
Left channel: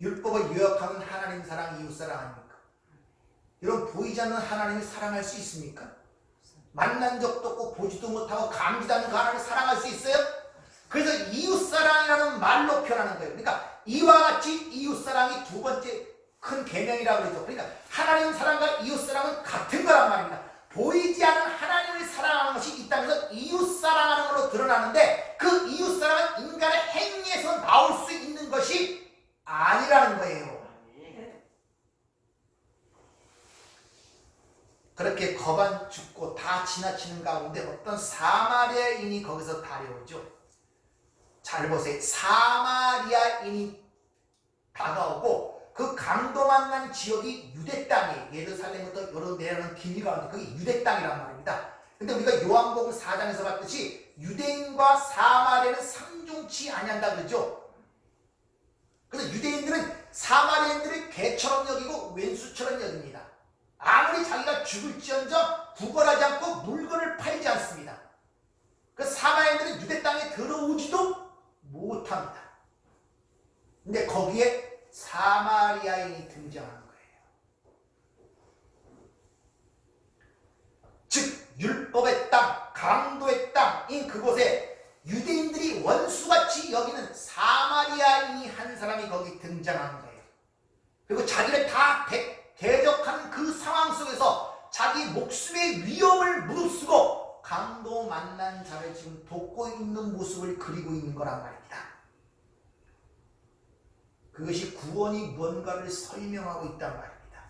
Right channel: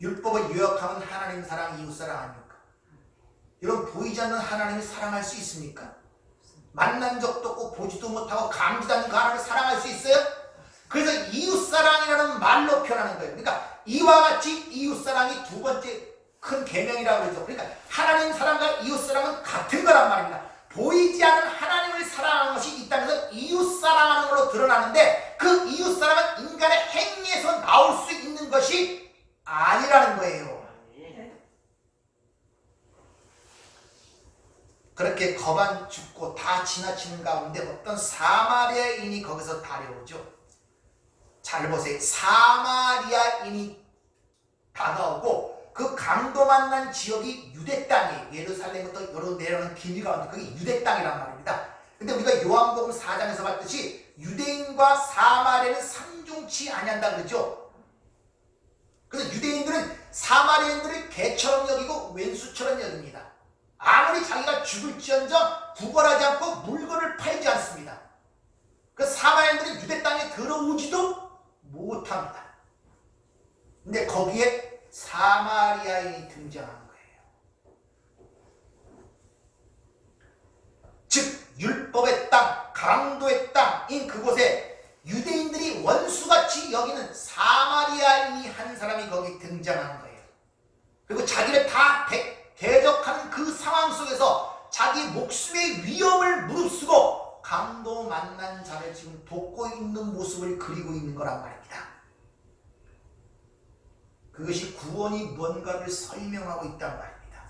율법을 요약하면 하나님 사랑, 이웃 사랑 아닙니까? 여러분, 보이지 않는 하나님을 사랑할 수 있습니까? 만난 적도 없고 보지도 못하고 감지도 않는 그 하나님을 사랑할 수 있어요? 그래서 이웃사랑이라는 말로 표현하는 거예요. 그러니까 이와 같이 이웃사랑이 두 번째 큰 계명이라고 그러죠. 그러니까 하나님 사랑과 이웃사랑은 같은 거란 말입니다. 보이지 않는 하나님을 사랑하는 것이 이 땅에서 이웃사랑하는 걸로 드러나는데, 그 이웃사랑은 인간의 행위에서 나올 수 있는 것이 아니라는 거예요. 그렇게 거반 죽고 다 지나치는 가운데 어떤 사마리아인이 거기서 다려오죠. 잘 보세요. 사마리아인이 다가오고 그 강도 만난 지역이 유대 땅이에요. 예루살렘부터 여러 내려오는 길 가운데 그게 유대 땅이란 말입니다. 근데 우리가 요한복음 4장에서 봤듯이 유대인과 사마리아는 상종치 아니한다 그러죠. 그래서 유대인들은 사마리아인들을 개처럼 여기고 왼수처럼 여깁니다. 아무리 자기가 죽을지언정 구걸하지 않고 물건을 팔지 않습니다. 그 사마리아인들은 유대 땅에 들어오지도 못합니다. 근데 거기에 사마리아인이 등장한 거예요. 즉 율법의 땅, 강도의 땅인 그곳에 유대인들이 원수같이 여기는 사마리아인이 한 사람이 거기 등장하는 거예요. 그리고 자기를 다 대적하는 그 상황 속에서 자기 목숨의 위험을 무릅쓰고 강도 만난 자를 지금 돕고 있는 모습을 그리고 있는 거란 말입니다. 그것이 구원이 뭔가를 설명하고 있단 말입니다.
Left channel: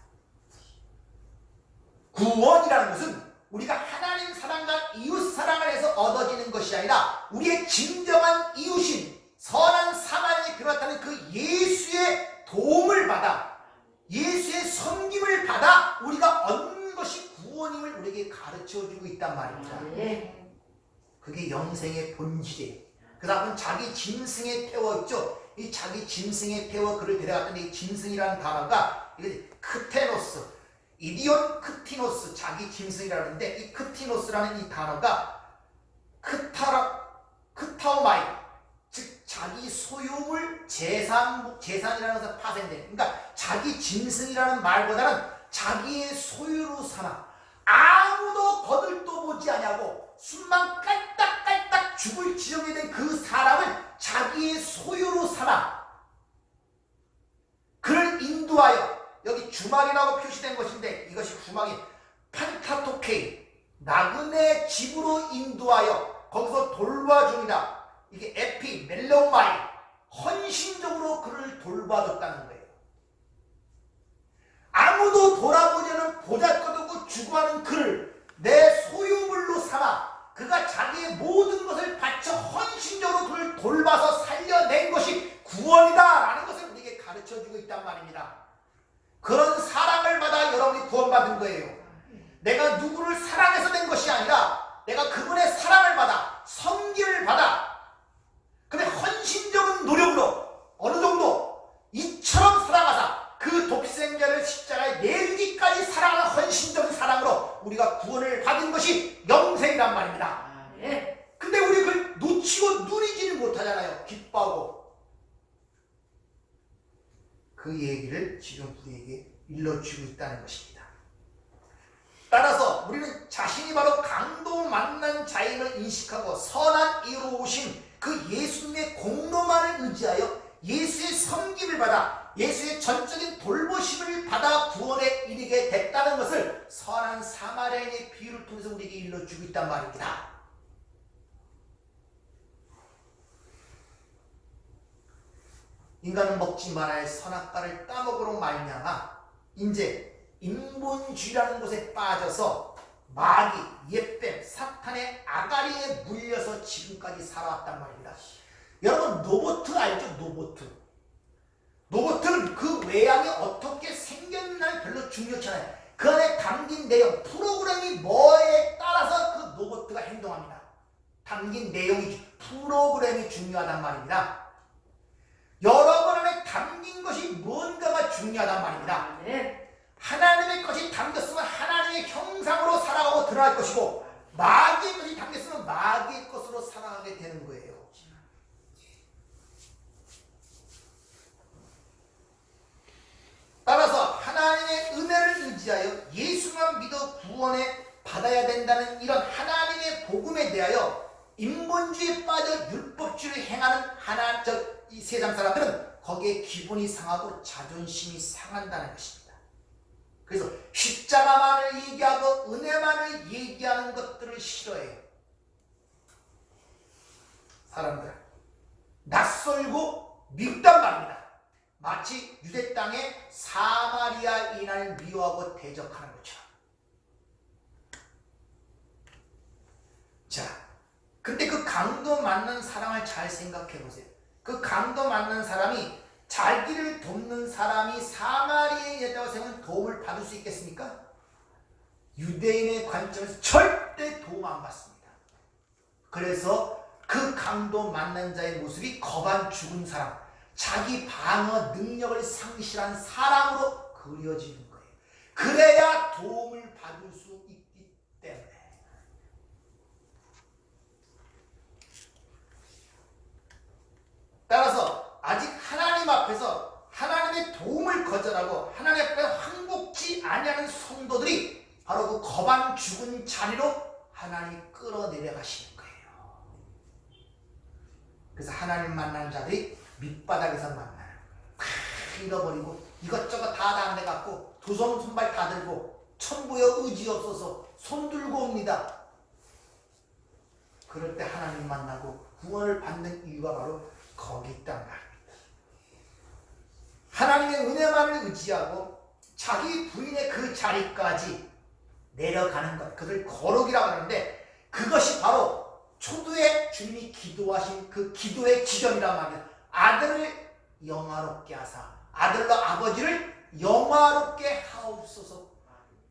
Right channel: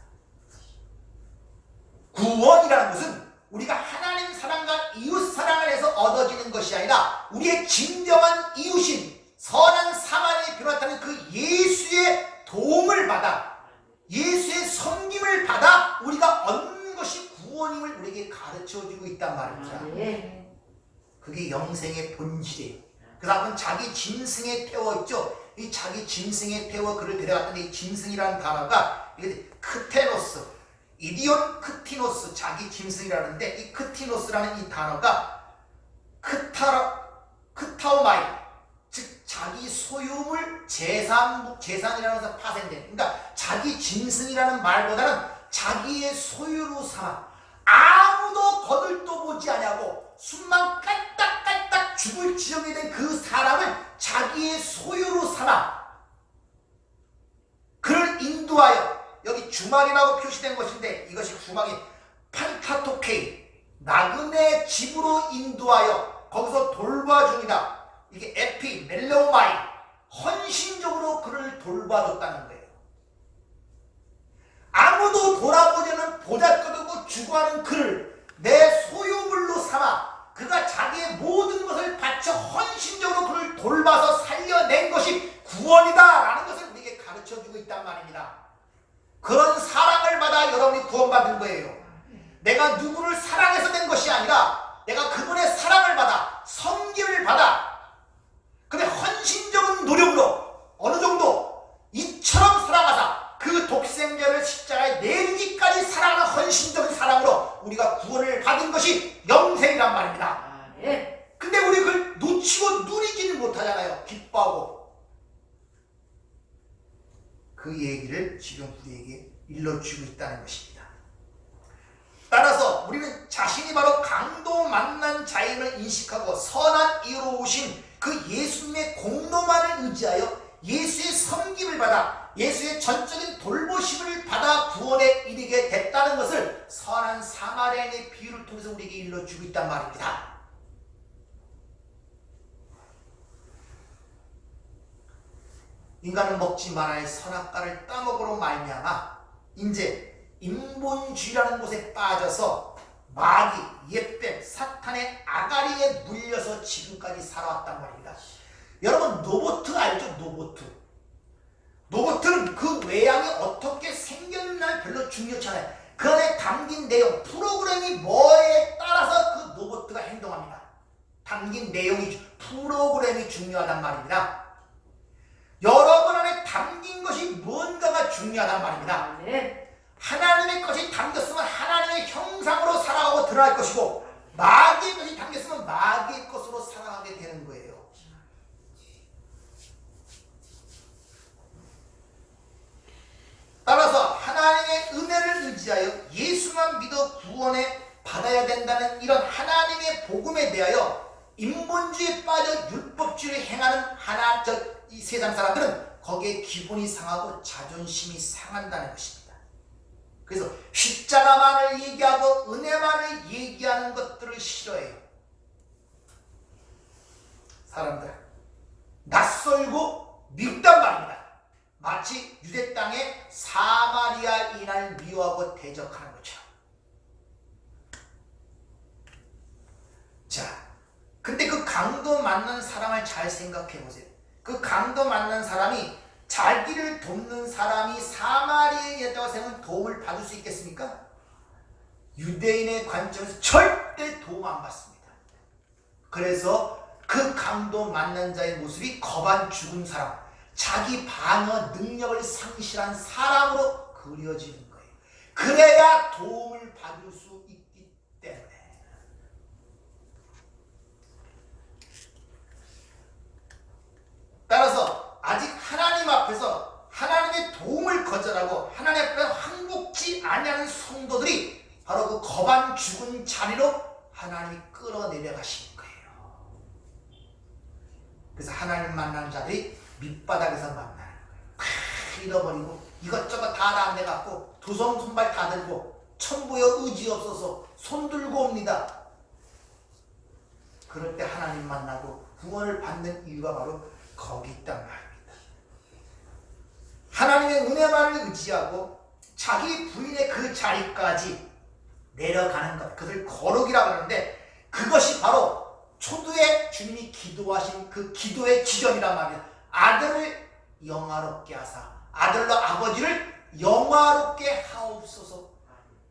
구원이라는 것은 우리가 하나님 사랑과 이웃 사랑을 해서 얻어지는 것이 아니라 우리의 진정한 이웃인 선한 사마리아에 비롯하는 그 예수의 도움을 받아, 예수의 섬김을 받아 우리가 얻는 것이 구원임을 우리에게 가르쳐주고 있단 말입니다. 그게 영생의 본질이에요. 그래서 한번 자기 짐승에 태워있죠. 이 자기 짐승에 태워 그를 데려갔더니 이 짐승이라는 단어가 이게 크테노스, 이디온 크티노스, 자기 짐승이라는데 이 크티노스라는 이 단어가 크타오마이, 즉 자기 소유물 재산이라는 것에서 파생된, 그러니까 자기 짐승이라는 말보다는 자기의 소유로 삼아 아무도 거들떠보지 아니하고 숨만 깔딱깔딱 죽을 지경이 된 그 사람을 자기의 소유로 삼아 그를 인도하여, 여기 주막이라고 표시된 것인데 이것이 주막이 판타토케이, 나그네 집으로 인도하여 거기서 돌봐주니라. 이게 에피 멜로마이 헌신적으로 그를 돌봐줬다는 거예요. 아무도 돌아보지 않는 보잘것없고 주고하는 그를 내 소유물로 삼아 그가 자기의 모든 것을 바쳐 헌신적으로 그를 돌봐서 살려낸 것이 구원이다라는 것을 우리에게 가르쳐주고 있단 말입니다. 그런 사랑을 받아 여러분이 구원받은 거예요. 내가 누구를 사랑해서 된 것이 아니라 내가 그분의 사랑을 받아 섬김을 받아 근데 헌신적인 노력으로 어느 정도 이처럼 살아가사 그 독생자를 십자가에 내리기까지 사랑하는 헌신적인 사랑으로 우리가 구원을 받은 것이 영생이란 말입니다. 근데 우리 그걸 놓치고 누리지는 못하잖아요. 기뻐하고. 그 얘기를 지금 우리에게 일러주고 있다는 것입니다. 따라서 우리는 자신이 바로 강도 만난 자임을 인식하고 선한 이유로 오신 그 예수님의 공로만을 의지하여 예수의 섬김을 받아 예수의 전적인 돌보심을 받아 구원에 이르게 됐다는 것을 선한 사마리아인의 비유를 통해서 우리에게 일러주고 있단 말입니다. 인간은 먹지 말아야 선악과를 따먹으로 말미암아 이제 인본주의라는 곳에 빠져서 마귀, 옛뱀, 사탄의 아가리에 물려서 지금까지 살아왔단 말입니다. 여러분 노보트 알죠? 노보트는 그 외양이 어떻게 생겼나 별로 중요치 않아요. 그 안에 담긴 내용, 프로그램이 뭐에 따라서 그 노보트가 행동합니다. 담긴 내용이, 프로그램이 중요하단 말입니다. 여러분 안에 담긴 것이 뭔가가 중요하단 말입니다. 하나님의 것이 담겼으면 하나님의 형상으로 살아가고 드러날 것이고 마귀의 것이 담겼으면 마귀의 것으로 살아가게 되는 거예요. 따라서 하나님의 은혜를 의지하여 예수만 믿어 구원에 받아야 된다는 이런 하나님의 복음에 대하여 인본주의에 빠져 율법주의를 행하는 이 세상 사람들은 거기에 기분이 상하고 자존심이 상한다는 것입니다. 그래서 십자가만을 얘기하고 은혜만을 얘기하는 것들을 싫어해요. 사람들 낯설고 미흡단 말입니다. 마치 유대 땅의 사마리아인을 미워하고 대적하는 것처럼. 자, 근데 그 강도 만난 사람을 잘 생각해 보세요. 그 강도 만난 사람이 자기를 돕는 사람이 사마리아인이었다고 생각하면 도움을 받을 수 있겠습니까? 유대인의 관점에서 절대 도움 안 받습니다. 그래서 그 강도 만난 자의 모습이 거반 죽은 사람, 자기 방어 능력을 상실한 사람으로 그려지는 거예요. 그래야 도움을 받을 수 있기 때문에. 따라서 아직 하나님 앞에서 하나님의 도움을 거절하고 하나님 앞에 항복지 아니하는 성도들이 바로 그 거반 죽은 자리로 하나님이 끌어내려가시는 거예요. 그래서 하나님 만나는 자들이 밑바닥에서 만나는 거예요. 잃어버리고 이것저것 다 당해갖고 두 손 손발 다 들고 천부여 의지 없어서 손 들고 옵니다. 그럴 때 하나님 만나고 구원을 받는 이유가 바로 거기 있단 말입니다. 하나님의 은혜만을 의지하고 자기 부인의 그 자리까지 내려가는 것, 그들 거룩이라고 하는데 그것이 바로 초두에 주님이 기도하신 그 기도의 지점이란 말이에요. 아들을 영화롭게 하사 아들로 아버지를 영화롭게 하옵소서.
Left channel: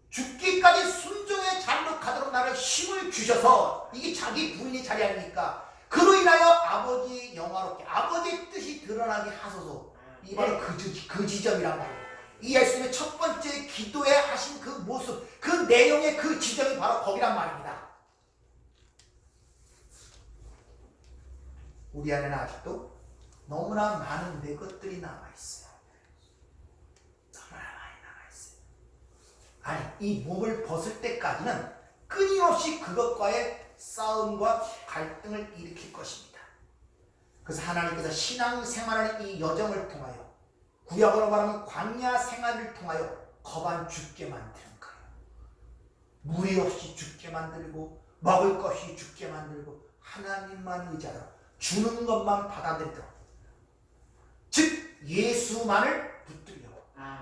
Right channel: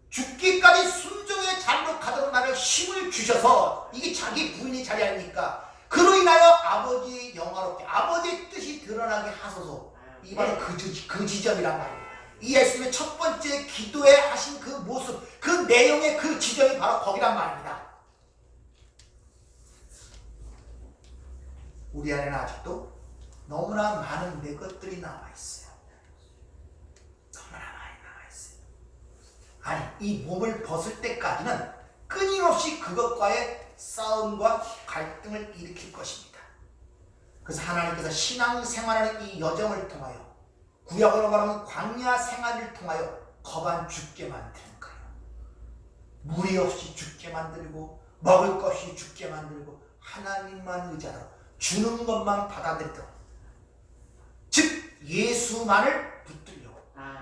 죽기까지 순종의 자리로 가도록 나를 힘을 주셔서 이게 자기 부인의 자리 아닙니까? 그로 인하여 아버지의 영화롭게 아버지의 뜻이 드러나게 하소서. 이 바로 그 지점이란 말이에요. 이 예수님의 첫 번째 기도에 하신 그 모습, 그 내용의 그 지점이 바로 거기란 말입니다. 우리 안에는 아직도 너무나 많은 내 것들이 남아있어요. 너무나 많이 남아있어요. 아니, 이 몸을 벗을 때까지는 끊임없이 그것과의 싸움과 갈등을 일으킬 것입니다. 그래서 하나님께서 신앙생활하는 이 여정을 통하여 구약으로 말하면 광야 생활을 통하여 거반 죽게 만드는 거예요. 물이 없이 죽게 만들고 먹을 것이 죽게 만들고 하나님만 의지하라. 주는 것만 받아들이도록, 즉 예수만을 붙들려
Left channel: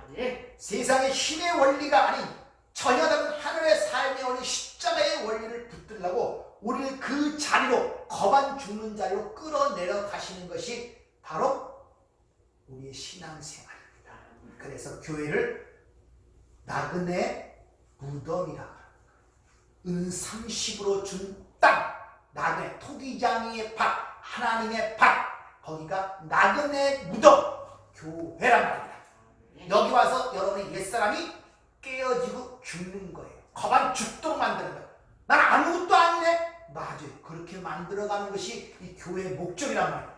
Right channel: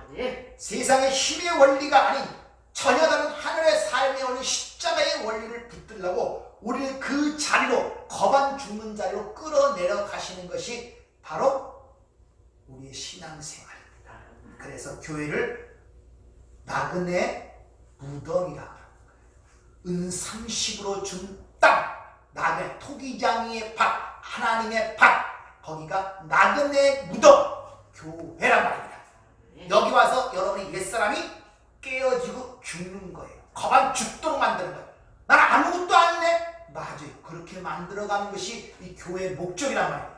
네. 세상의 힘의 원리가 아닌 전혀 다른 하늘의 삶의 원리, 십자가의 원리를 붙들려고 우리를 그 자리로, 거반 죽는 자리로 끌어내려 가시는 것이 바로 우리의 신앙생활입니다. 그래서 교회를 나그네 무덤이라 합니다. 은삼십으로 준 땅, 나그네 토기장이의 밭, 하나님의 밭, 거기가 나그네 무덤, 교회란 말입니다. 여기 와서 여러분의 옛사람이 깨어지고 죽는 거예요. 거반 죽도록 만드는 거예요. 난 아무것도 아니네. 맞아요. 그렇게 만들어가는 것이 이 교회의 목적이란 말이에요.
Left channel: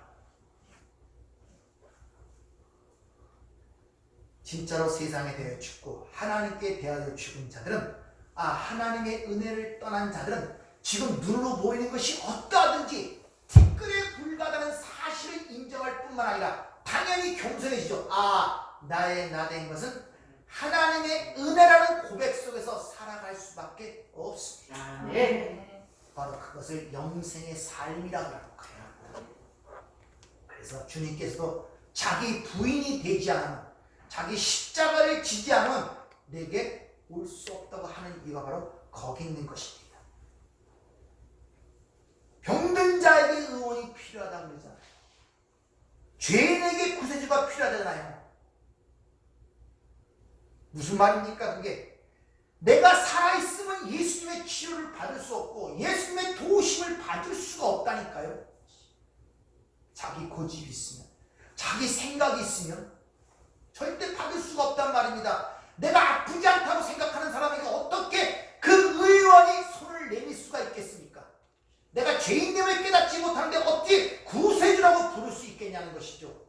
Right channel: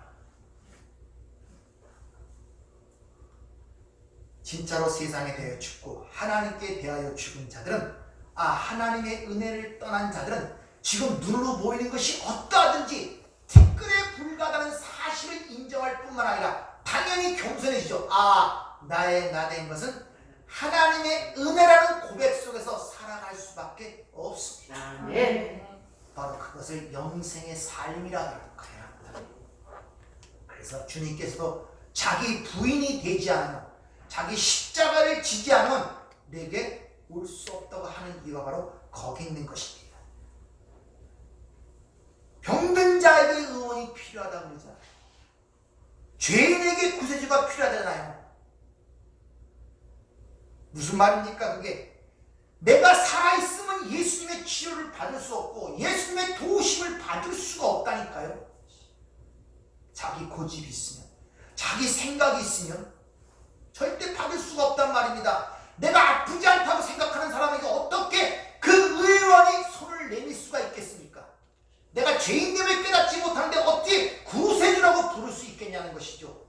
진짜로 세상에 대하여 죽고 하나님께 대하여 죽은 자들은, 하나님의 은혜를 떠난 자들은 지금 눈으로 보이는 것이 어떠하든지 티끌에 불과하다는 사실을 인정할 뿐만 아니라 당연히 겸손해지죠. 나의 나된 것은 하나님의 은혜라는 고백 속에서 살아갈 수밖에 없습니다. 네. 바로 그것을 영생의 삶이라고 해야 합니다. 그래서 주님께서도 자기 부인이 되지 않으면, 자기 십자가를 지지 않으면 내게 올 수 없다고 하는 이유가 바로 거기 있는 것입니다. 병든 자에게 의원이 필요하다고 그러잖아요. 죄인에게 구세주가 필요하잖아요. 무슨 말입니까 그게? 내가 살아있으면 예수님의 치료를 받을 수 없고 예수님의 도우심을 받을 수가 없다니까요. 자기 고집이 있으면, 자기 생각이 있으면 절대 받을 수가 없단 말입니다. 내가 아프지 않다고 생각하는 사람에게 어떻게 그 의원이 손을 내밀 수가 있겠습니까? 내가 죄인됨을 깨닫지 못하는데 어떻게 구세주라고 부를 수 있겠냐는 것이죠.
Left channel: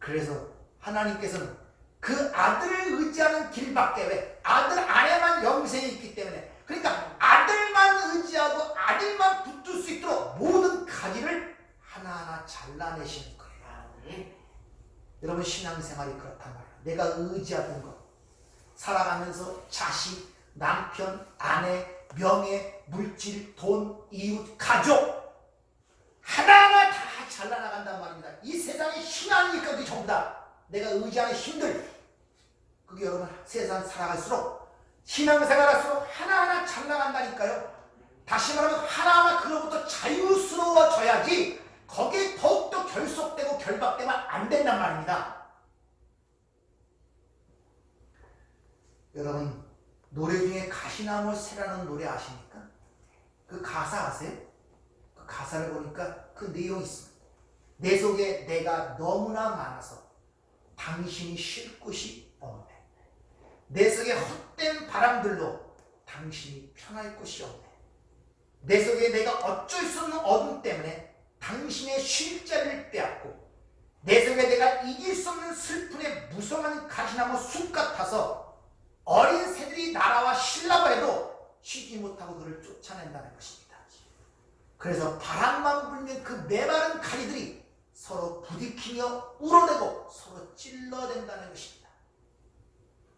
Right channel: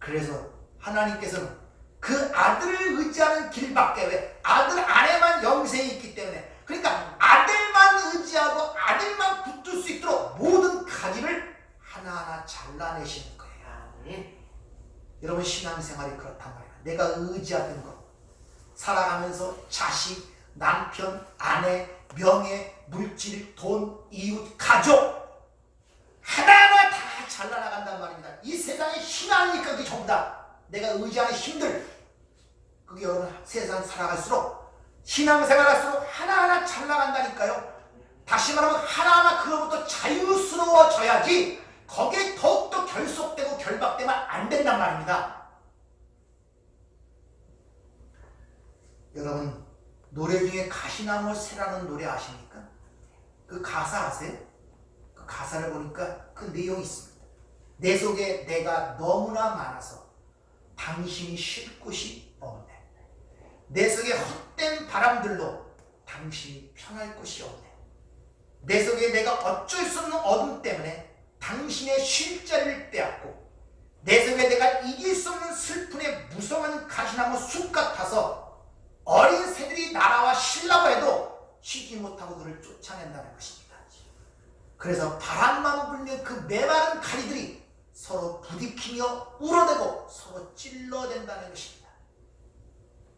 그래서 하나님께서는 그 아들을 의지하는 길밖에, 왜? 아들 안에만 영생이 있기 때문에, 그러니까 아들만 의지하고 아들만 붙들 수 있도록 모든 가지를 하나하나 잘라내시는 거예요. 여러분 신앙생활이 그렇단 말이에요. 내가 의지하던 것, 살아가면서 자식, 남편, 아내, 명예, 물질, 돈, 이웃, 가족 하나하나 다 잘라나간단 말입니다. 이 세상에 신앙이니까 그게 전부 다 내가 의지하는 힘들, 그게 여러분 세상 살아갈수록, 신앙생활할수록 하나하나 잘나간다니까요. 다시 말하면 하나하나 그로부터 자유스러워져야지 거기에 더욱더 결속되고 결박되면 안 된단 말입니다. 여러분 노래 중에 가시나무 새라는 노래 아십니까? 그 가사 아세요? 그 가사를 보니까 그 내용이 있습니다. 내 속에 내가 너무나 많아서 당신이 쉴 곳이 없네. 내 속에 헛된 바람들로 당신이 편할 곳이 없네. 내 속에 내가 어쩔 수 없는 어둠 때문에 당신의 쉴 자리를 빼앗고, 내 속에 내가 이길 수 없는 슬픔에 무성한 가시나무 숲 같아서 어린 새들이 날아와 쉬려고 해도 쉬지 못하고 그를 쫓아낸다는 것입니다. 그래서 바람만 불면 그 메마른 가지들이 서로 부딪히며 울어대고 서로 찔러댄다는 것입니다.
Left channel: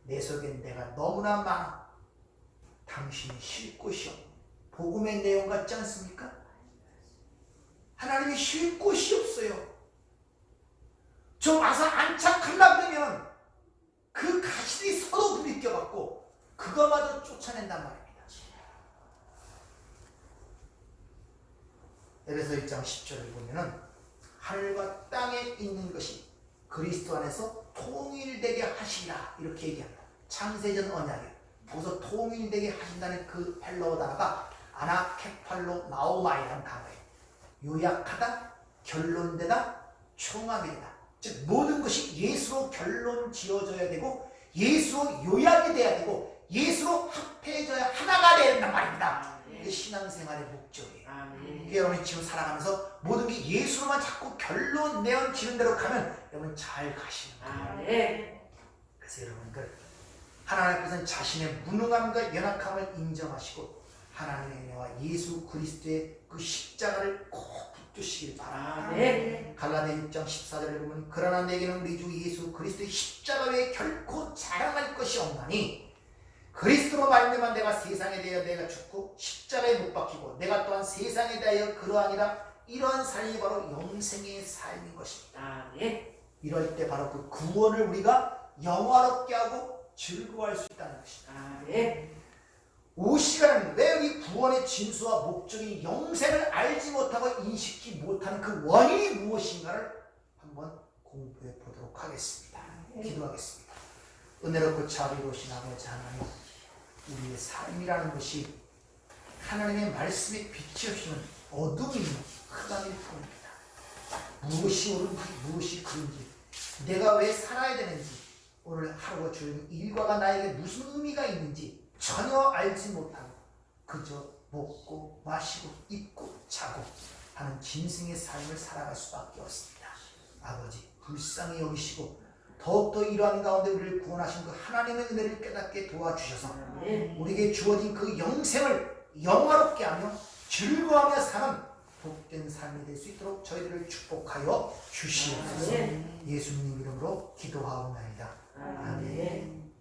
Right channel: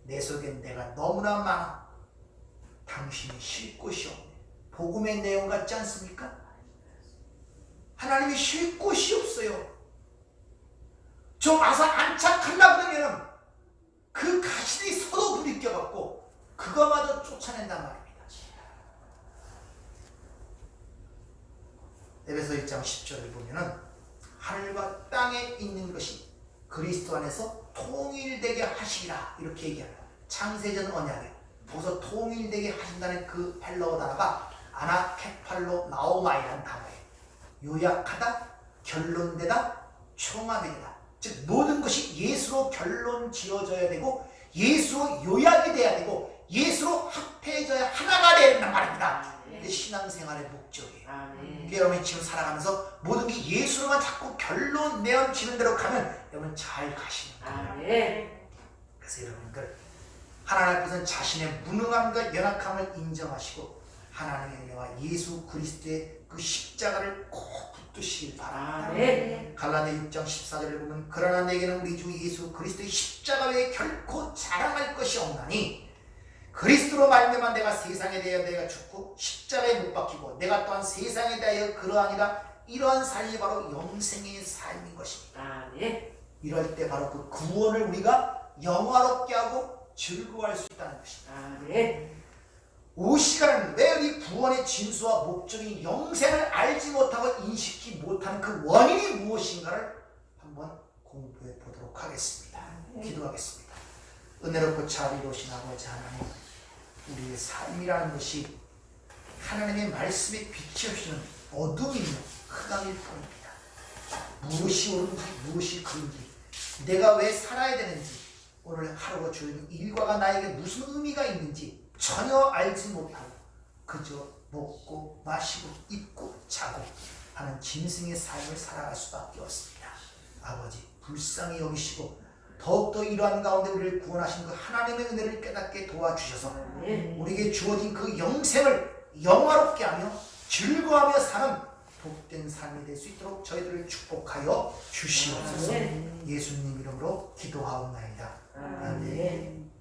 내 속엔 내가 너무나 많아 당신이 쉴 곳이 없네. 복음의 내용 같지 않습니까? 하나님이 쉴 곳이 없어요. 좀 와서 안착하려고 그러면 그 가시들이 서로 부딪혀갖고 그거마저 쫓아낸단 말입니다. 에베소 1장 10절을 보면은 하늘과 땅에 있는 것이 그리스도 안에서 통일되게 하시리라 이렇게 얘기합니다. 창세전 언약에 보서 통일되게 하신다는 그 헬라어 단어가 아나케팔로 나오마이라는 단어예요. 요약하다, 결론되다, 총합이 되다. 즉 모든 것이 예수로 결론 지어져야 되고 예수로 요약이 돼야 되고 예수로 합해져야 하나가 돼야 된단 말입니다. 이게 신앙생활의 목적이에요. 그러니까 여러분이 지금 살아가면서 모든 게 예수로만 자꾸 결론 내어지는 대로 가면 여러분 잘 가시는 거예요. 그래서 여러분들 하나님 앞에서는 자신의 무능함과 연약함을 인정하시고 하나님의 은혜와 예수 그리스도의 그 십자가를 꼭 붙드시길 바랍니다. 갈라디아 6장 14절을 보면 그러나 내게는 우리 주 예수 그리스도의 십자가 외에 결코 자랑할 것이 없나니 그리스도로 말미암아 내가 세상에 대하여 내가 죽고 십자가에 못 박히고 내가 또한 세상에 대하여 그러하니라. 이러한 삶이 바로 영생의 삶인 것입니다. 네. 이럴 때 바로 그 구원을 우리가 영화롭게 하고 즐거워할 수 있다는 것입니다. 네. 이 시간은 왜 이 구원의 진수와 목적인 영생을 알지 못하고 인식하지 못하는 그 원인이 무엇인가를 한번 공부해 보도록 하겠습니다. 기도하겠습니다. 은혜롭고 자비로우신 아버지 하나님, 우리의 삶이라는 것이 하나님의 말씀에 비춰주시는 어둠이며 흑암일 뿐입니다. 무엇이 옳은지 무엇이 그른지, 내가 왜 살아야 되는지, 오늘 하루가 주는 일과가 나에게 무슨 의미가 있는지 전혀 알지 못하고 그저 먹고 마시고 입고 자고 하는 짐승의 삶을 살아갈 수밖에 없습니다. 아버지, 불쌍히 여기시고 더욱더 이러한 가운데 우리를 구원하신 그 하나님의 은혜를 깨닫게 도와주셔서 우리에게 주어진 그 영생을 영화롭게 하며 즐거워하며 사는 복된 삶이 될 수 있도록 저희들을 축복하여 주시옵소서. 예수님 이름으로 기도하옵나이다. 아멘.